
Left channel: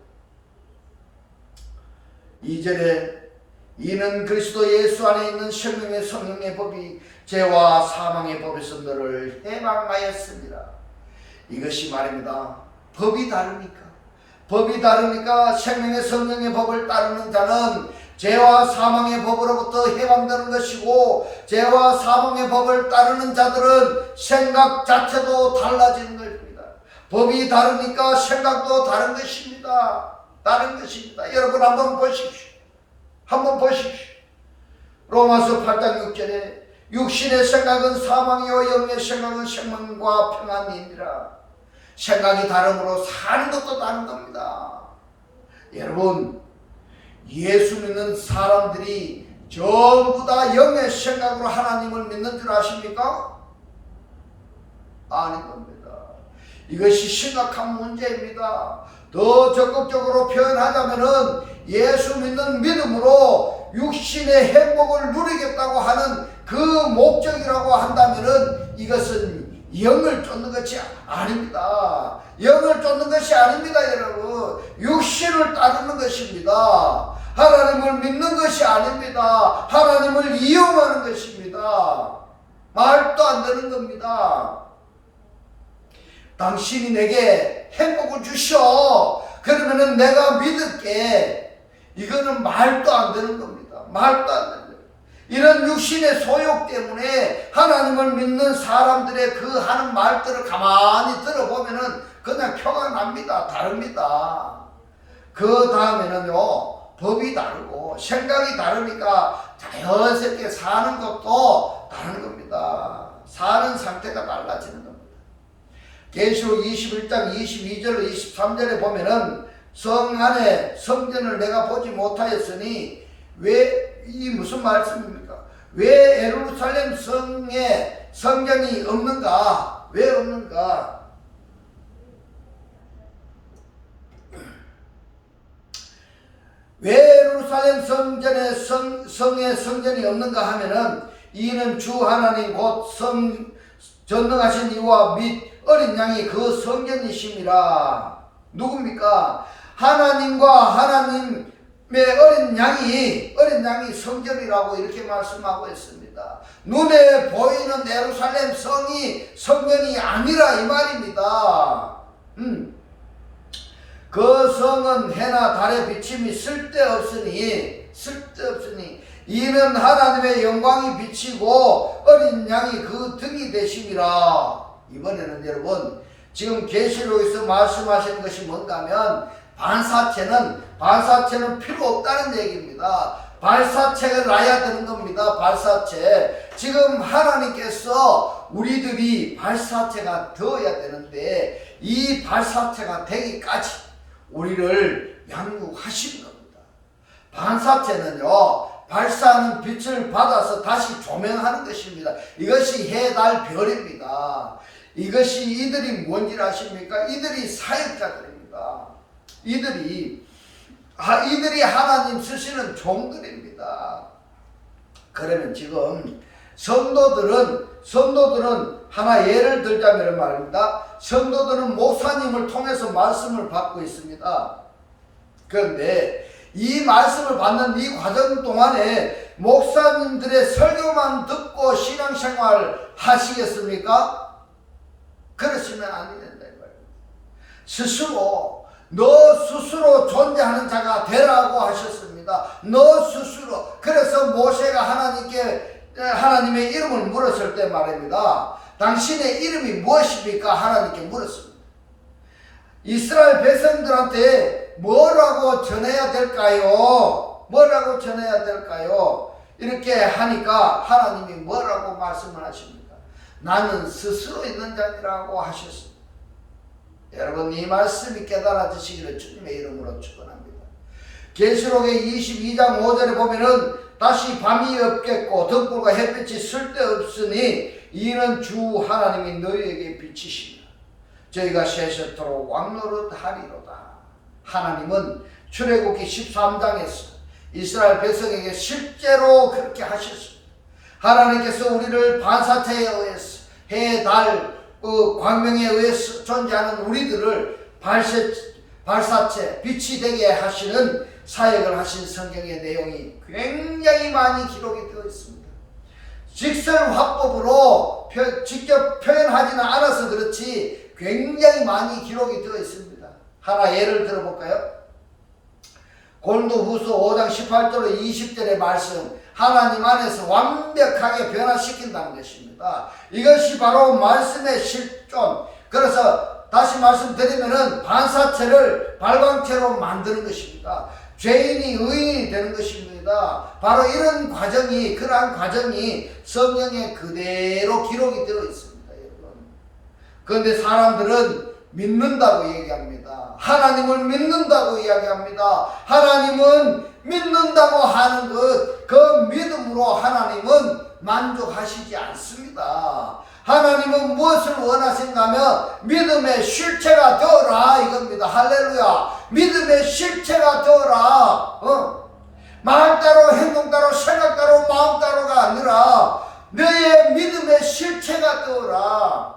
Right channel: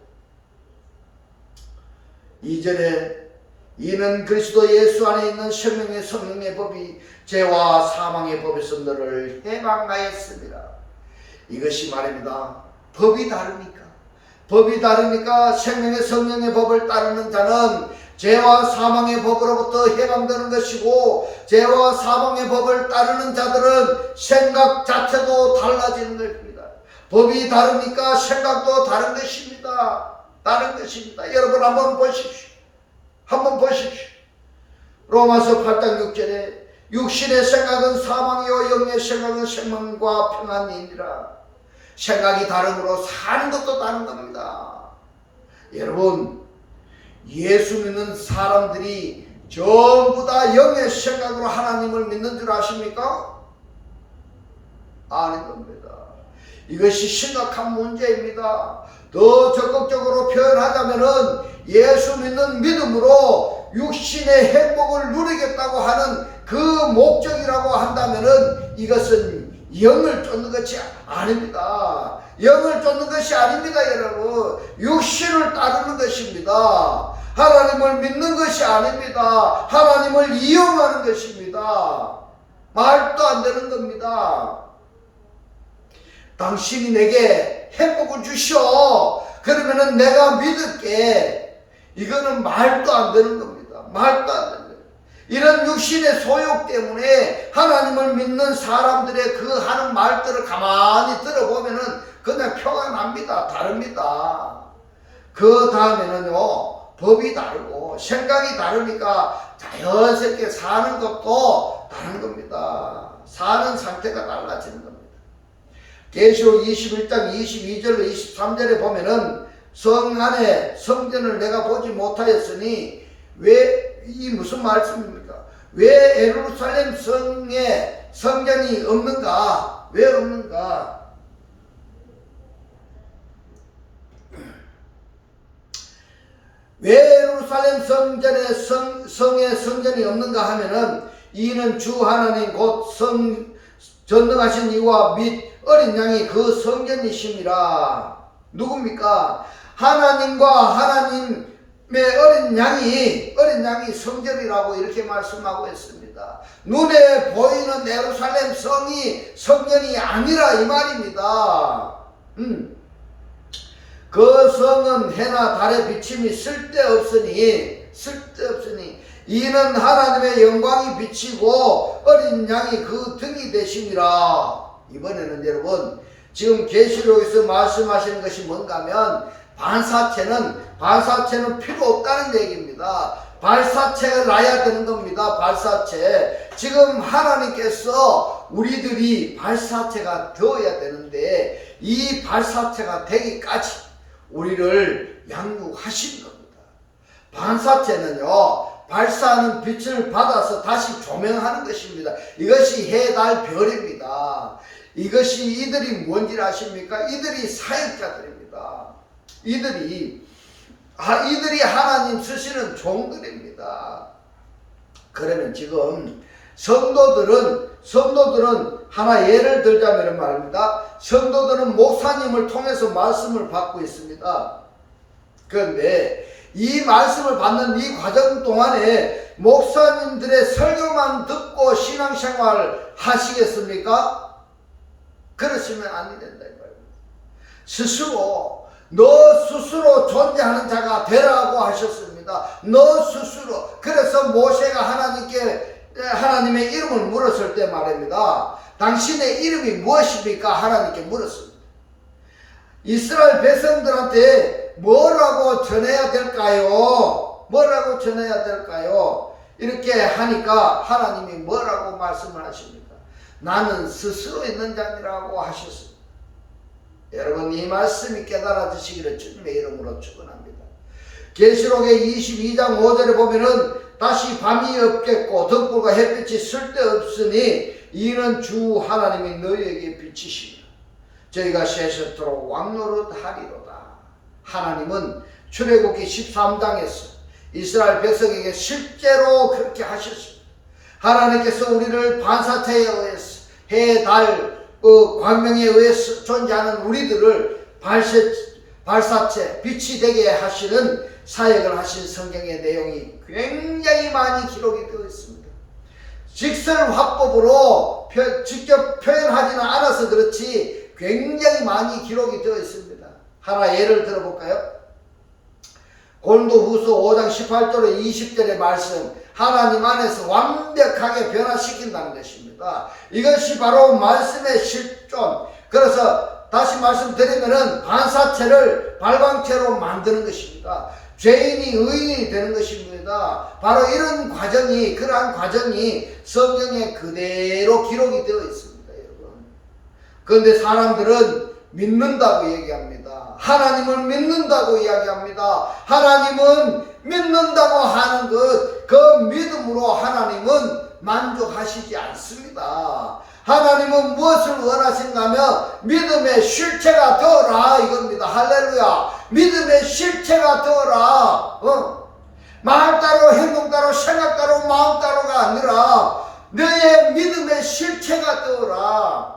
2절에 이는 그리스도 예수 안에 있는 생명의 성령의 법이 죄와 사망의 법에서 너를 해방하였습니다. 이것이 말입니다. 법이 다르니까 생명의 성령의 법을 따르는 자는 죄와 사망의 법으로부터 해방되는 것이고, 죄와 사망의 법을 따르는 자들은 생각 자체도 달라지는 것입니다. 법이 다르니까 생각도 다른 것입니다. 여러분 한번 보십시오. 로마서 8장 6절에 육신의 생각은 사망이요 영의 생각은 생명과 평안이니라. 생각이 다름으로 사는 것도 다른 겁니다. 여러분 예수 믿는 사람들이 전부 다 영의 생각으로 하나님을 믿는 줄 아십니까? 아닌 겁니다. 이것이 심각한 문제입니다. 더 적극적으로 표현하자면은 예수 믿는 믿음으로 육신의 행복을 누리겠다고 하는 그 목적이라고 한다면은 이것은 영을 쫓는 것이 아닙니다. 여러분. 육신을 따르는 것입니다. 하나님을 믿는 것이 아닙니다. 하나님을 이용하는 것입니다. 말도 안 되는 겁니다. 당신이 내게 행복을 주셔. 그러면은 내가 믿을게. 이거는 말도 안 되는 겁니다. 이런 육신의 소욕 때문에 하나님을 믿는 사람들의 그 하는 말들을 가만히 들어보면은 그냥 표가 납니다. 다릅니다. 그 다음에는요, 법이 다르고 생각이 다르니까 자연스럽게 사는 것도 다른 겁니다. 사는 상태가 달라지는 겁니다. 계시록 21장 22절로 23절에 보면은 성 안에 성전을 내가 보지 못하였으니 이 무슨 말씀입니까? 왜 예루살렘 성에 성전이 없는가? 왜 없는가? 왜 예루살렘 성에 성전이 없는가 하면은 이는 주 하나님 곧 전능하신 이와 및 어린 양이 그 성전이심이라. 누굽니까? 하나님과 하나님의 어린 양이 성전이라고 이렇게 말씀하고 있습니다. 눈에 보이는 예루살렘 성이 성전이 아니라 이 말입니다. 그 성은 해나 달의 비침이 쓸데없으니 이는 하나님의 영광이 비치고 어린 양이 그 등이 되심이라. 이번에는 여러분 지금 계시록에서 말씀하시는 것이 뭔가 하면 반사체는 필요 없다는 얘기입니다. 발사체가 나야 되는 겁니다. 발사체. 지금 하나님께서 우리들이 발사체가 되어야 되는데 이 발사체가 되기까지 우리를 양육하신 겁니다. 반사체는요, 발사하는 빛을 받아서 다시 조명하는 것입니다. 이것이 해, 달, 별입니다. 이것이 이들이 뭔지 아십니까? 이들이 사역자들입니다. 이들이 하나님 쓰시는 종들입니다. 그러면 지금 성도들은 하나 예를 들자면 말입니다. 성도들은 목사님을 통해서 말씀을 받고 있습니다. 그런데 이 말씀을 받는 이 과정 동안에 목사님들의 설교만 듣고 신앙생활 하시겠습니까? 그러시면 안 된다 이 말입니다. 너 스스로 존재하는 자가 되라고 하셨습니다. 너 스스로. 그래서 모세가 하나님의 이름을 물었을 때 말입니다. 당신의 이름이 무엇입니까? 하나님께 물었습니다. 이스라엘 백성들한테 뭐라고 전해야 될까요? 이렇게 하니까 하나님이 뭐라고 말씀을 하십니까? 나는 스스로 있는 자니라고 하셨습니다. 여러분 이 말씀이 깨달아지시기를 주님의 이름으로 축원합니다. 계시록의 22장 5절에 보면은 다시 밤이 없겠고 등불과 햇빛이 쓸데없으니 이는 주 하나님이 너희에게 비치시리라. 저희가 세세토록 왕노릇하리로다. 하나님은 출애굽기 13장에서 이스라엘 백성에게 실제로 그렇게 하셨습니다. 하나님께서 우리를 반사체에 의해서 해, 달, 광명에 의해서 존재하는 우리들을 발사체, 빛이 되게 하시는 사역을 하신 성경의 내용이 굉장히 많이 기록이 되어 있습니다. 직설 화법으로 직접 표현하지는 않아서 그렇지 굉장히 많이 기록이 되어 있습니다. 하나 예를 들어볼까요? 고린도후서 5장 18절로 20절의 말씀, 하나님 안에서 완벽하게 변화시킨다는 것입니다. 이것이 바로 말씀의 실존. 그래서 다시 말씀드리면은 반사체를 발광체로 만드는 것입니다. 죄인이 의인이 되는 것입니다. 바로 이런 과정이, 그러한 과정이 성경에 그대로 기록이 되어 있습니다, 여러분. 그런데 사람들은 믿는다고 얘기합니다. 하나님을 믿는다고 이야기합니다. 하나님은 믿는다고 하는 것, 그 믿음으로 하나님은 만족하시지 않습니다. 하나님은 무엇을 원하신가 하면 믿음의 실체가 되어라 이겁니다. 할렐루야. 믿음의 실체가 되어라. 말 따로 행동 따로 생각 따로 마음 따로가 아니라 너의 믿음의 실체가 되어라.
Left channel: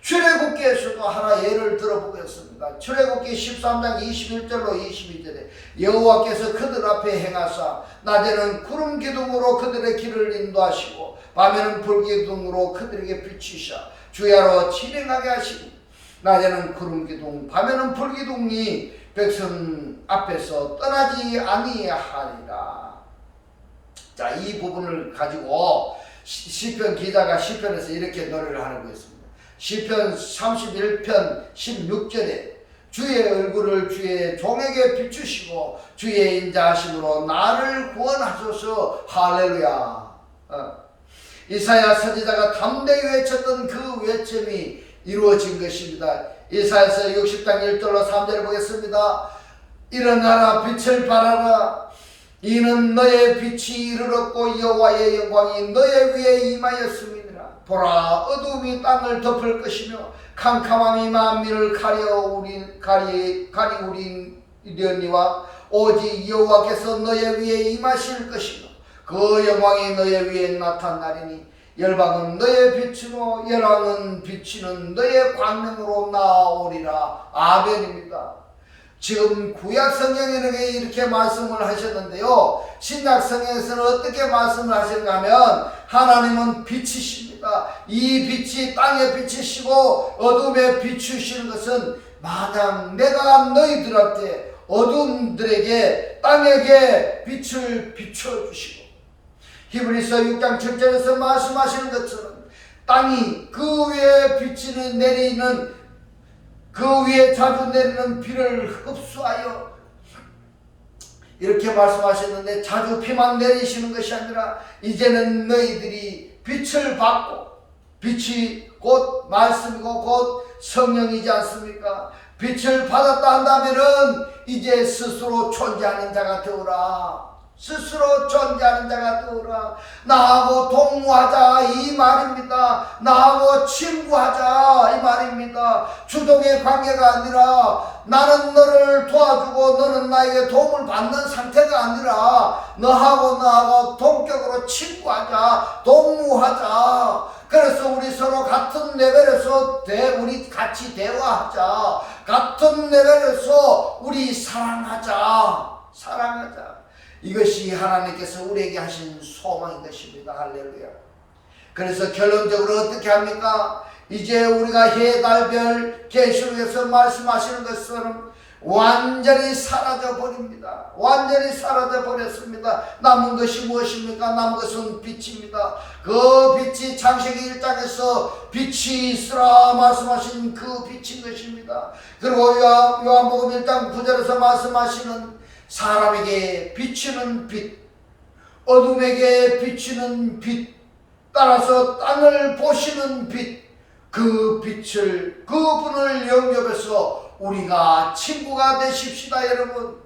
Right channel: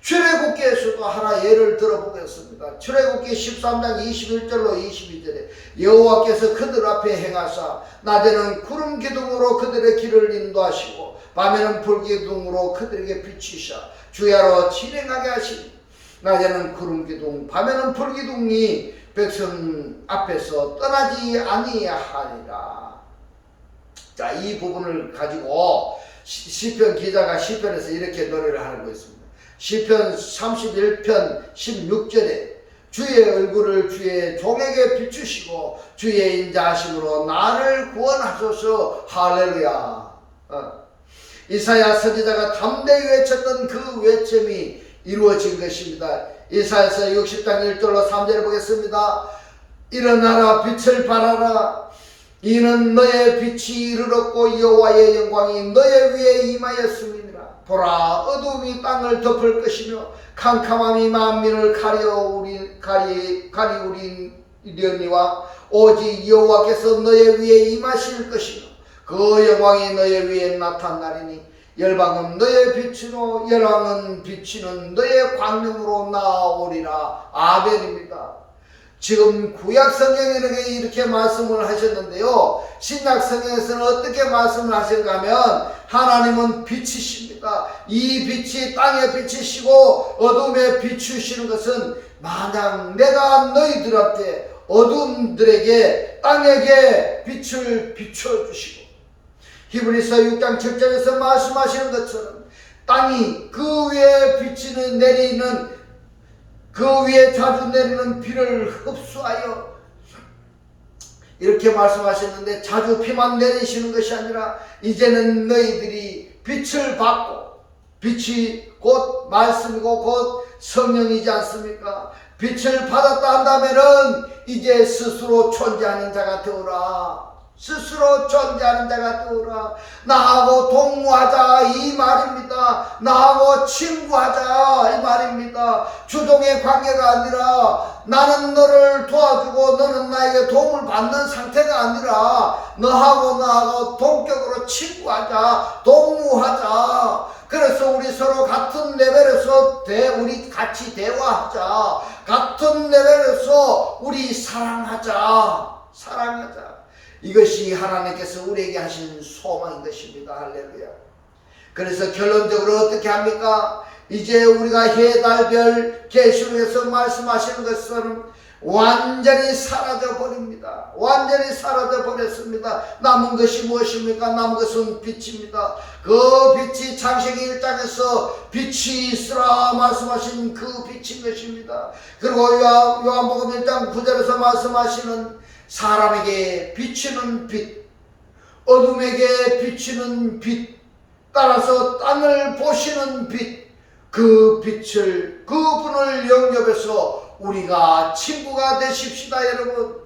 출애굽기에서도 하나 예를 들어보겠습니다. 출애굽기 13장 21절로 22절에 여호와께서 그들 앞에 행하사 낮에는 구름 기둥으로 그들의 길을 인도하시고 밤에는 불 기둥으로 그들에게 비치사 주야로 진행하게 하시니 낮에는 구름 기둥 밤에는 불 기둥이 백성 앞에서 떠나지 아니하리라. 자, 이 부분을 가지고 시편 기자가 시편에서 이렇게 노래를 하고 있습니다. 시편 31편 16절에 주의 얼굴을 주의 종에게 비추시고 주의 인자하심으로 나를 구원하소서. 할렐루야. 이사야 선지자가 담대히 외쳤던 그 외침이 이루어진 것입니다. 이사야서 60장 1절로 3절에 보겠습니다. 일어나라 빛을 발하라. 이는 너의 빛이 이르렀고 여호와의 영광이 너의 위에 임하였음이니라. 보라 어두움이 땅을 덮을 것이며 캄캄함이 만민을 가리우리려니와 오직 여호와께서 너의 위에 임하실 것이며 그 영광이 너의 위에 나타나리니 열방은 너의 빛으로 열왕은 비치는 너의 광명으로 나오리라. 아멘입니다. 지금 구약 성경에는 이렇게 말씀을 하셨는데요. 신약 성경에서는 어떻게 말씀을 하시는가 하면 하나님은 빛이십니다. 이 빛이 땅에 비치시고 어둠에 비추시는 것은 마냥 내가 너희들한테 어둠들에게 땅에게 빛을 비춰주시고 히브리서 6장 7절에서 말씀하시는 것처럼 땅이 그 위에 비치는 내리는 그 위에 자주 내리는 비를 흡수하여 이렇게 말씀하셨는데 자주 비만 내리시는 것이 아니라 이제는 너희들이 빛을 받고 빛이 곧 말씀이고 곧 성령이지 않습니까? 빛을 받았다 한다면은 이제 스스로 존재하는 자가 되어라. 스스로 존재하는 자가 되어라. 나하고 동무하자 이 말입니다. 나하고 친구하자 이 말입니다. 주종의 관계가 아니라 나는 너를 도와주고 너는 나에게 도움을 받는 상태가 아니라 너하고 나하고 동격으로 친구하자, 동무하자. 그래서 우리 서로 같은 레벨에서 우리 같이 대화하자. 같은 레벨에서 우리 사랑하자. 이것이 하나님께서 우리에게 하신 소망인 것입니다. 할렐루야. 그래서 결론적으로 어떻게 합니까? 이제 우리가 해, 달, 별, 계시록에서 말씀하시는 것처럼 완전히 사라져 버립니다. 완전히 사라져 버렸습니다. 남은 것이 무엇입니까? 남은 것은 빛입니다. 그 빛이 창세기 1장에서 빛이 있으라 말씀하신 그 빛인 것입니다. 그리고 요한복음 1장 9절에서 말씀하시는 사람에게 비치는 빛, 어둠에게 비치는 빛, 따라서 땅을 보시는 빛, 그 빛을, 그분을 영접해서 우리가 친구가 되십시다. 여러분,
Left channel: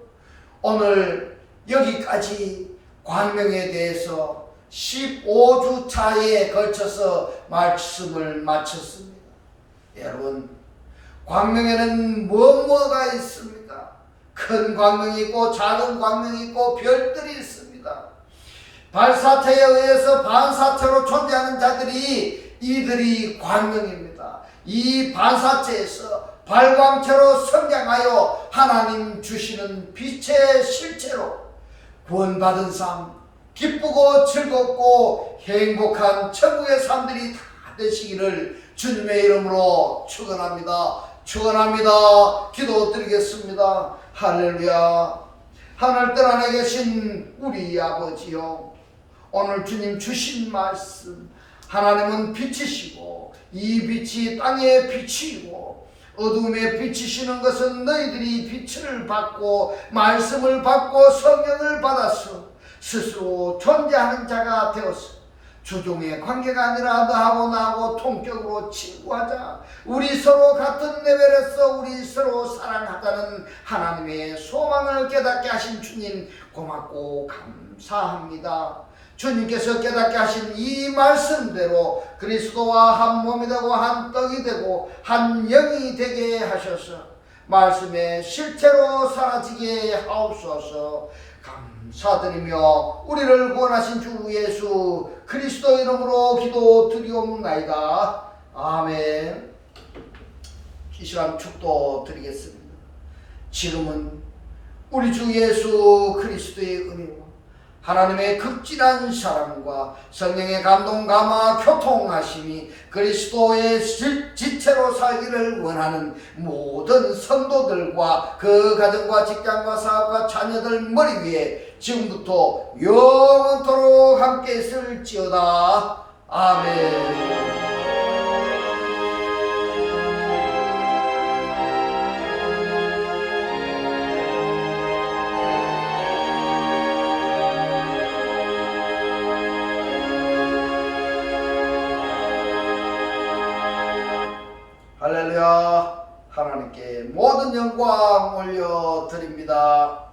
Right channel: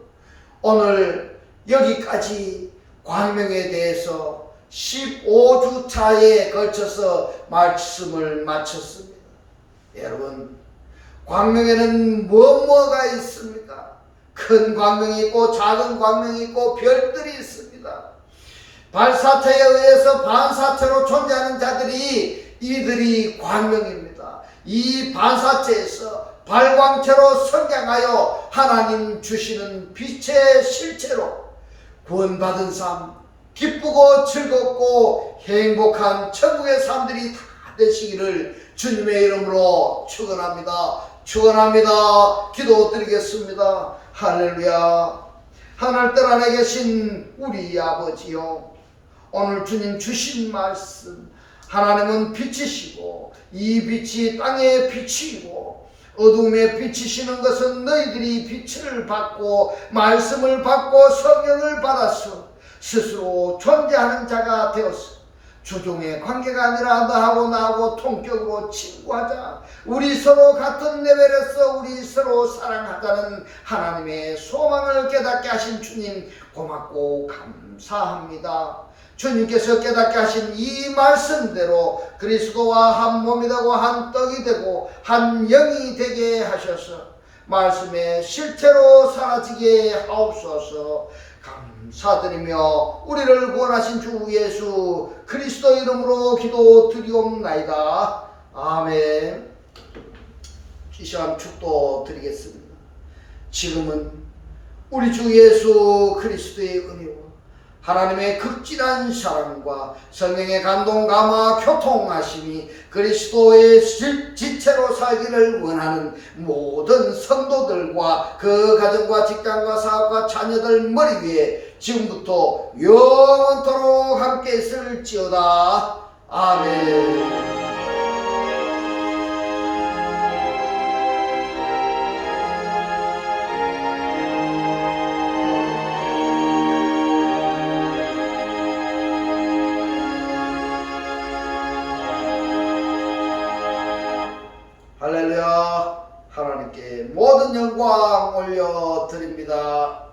오늘 여기까지 광명에 대해서 15주차에 걸쳐서 말씀을 마쳤습니다. 여러분, 광명에는 뭐가 있습니까? 큰 광명이 있고 작은 광명이 있고 별들이 있습니다. 발사체에 의해서 반사체로 존재하는 자들이 이들이 광명입니다. 이 반사체에서 발광체로 성장하여 하나님 주시는 빛의 실체로 구원받은 삶, 기쁘고 즐겁고 행복한 천국의 삶들이 다 되시기를 주님의 이름으로 축원합니다. 기도드리겠습니다. 할렐루야. 하늘들 안에 계신 우리 아버지요, 오늘 주님 주신 말씀, 하나님은 빛이시고 이 빛이 땅에 빛이고 어둠에 비치시는 것은 너희들이 빛을 받고 말씀을 받고 성령을 받아서 스스로 존재하는 자가 되었어. 주종의 관계가 아니라 나하고 동격으로 친구하자. 우리 서로 같은 레벨에서 우리 서로 사랑하자는 하나님의 소망을 깨닫게 하신 주님 고맙고 감사합니다. 주님께서 깨닫게 하신 이 말씀대로 그리스도와 한 몸이 되고 한 떡이 되고 한 영이 되게 하셔서 말씀의 실체로 사라지게 하옵소서. 감사드리며 우리를 구원하신 주 예수 그리스도 이름으로 기도드리옵나이다. 아멘. 이 시간 축도 드리겠습니다. 지금은 우리 주 예수 그리스도의 은혜와 하나님의 극진한 사랑과 성령의 감동 감화 교통하심이 그리스도의 지체로 살기를 원하는 모든 성도들과 그 가정과 직장과 사업과 자녀들 머리 위에 지금부터 영원토록 함께 있을지어다. 아멘. 할렐루야. 하나님께 모든 영광 올려드립니다.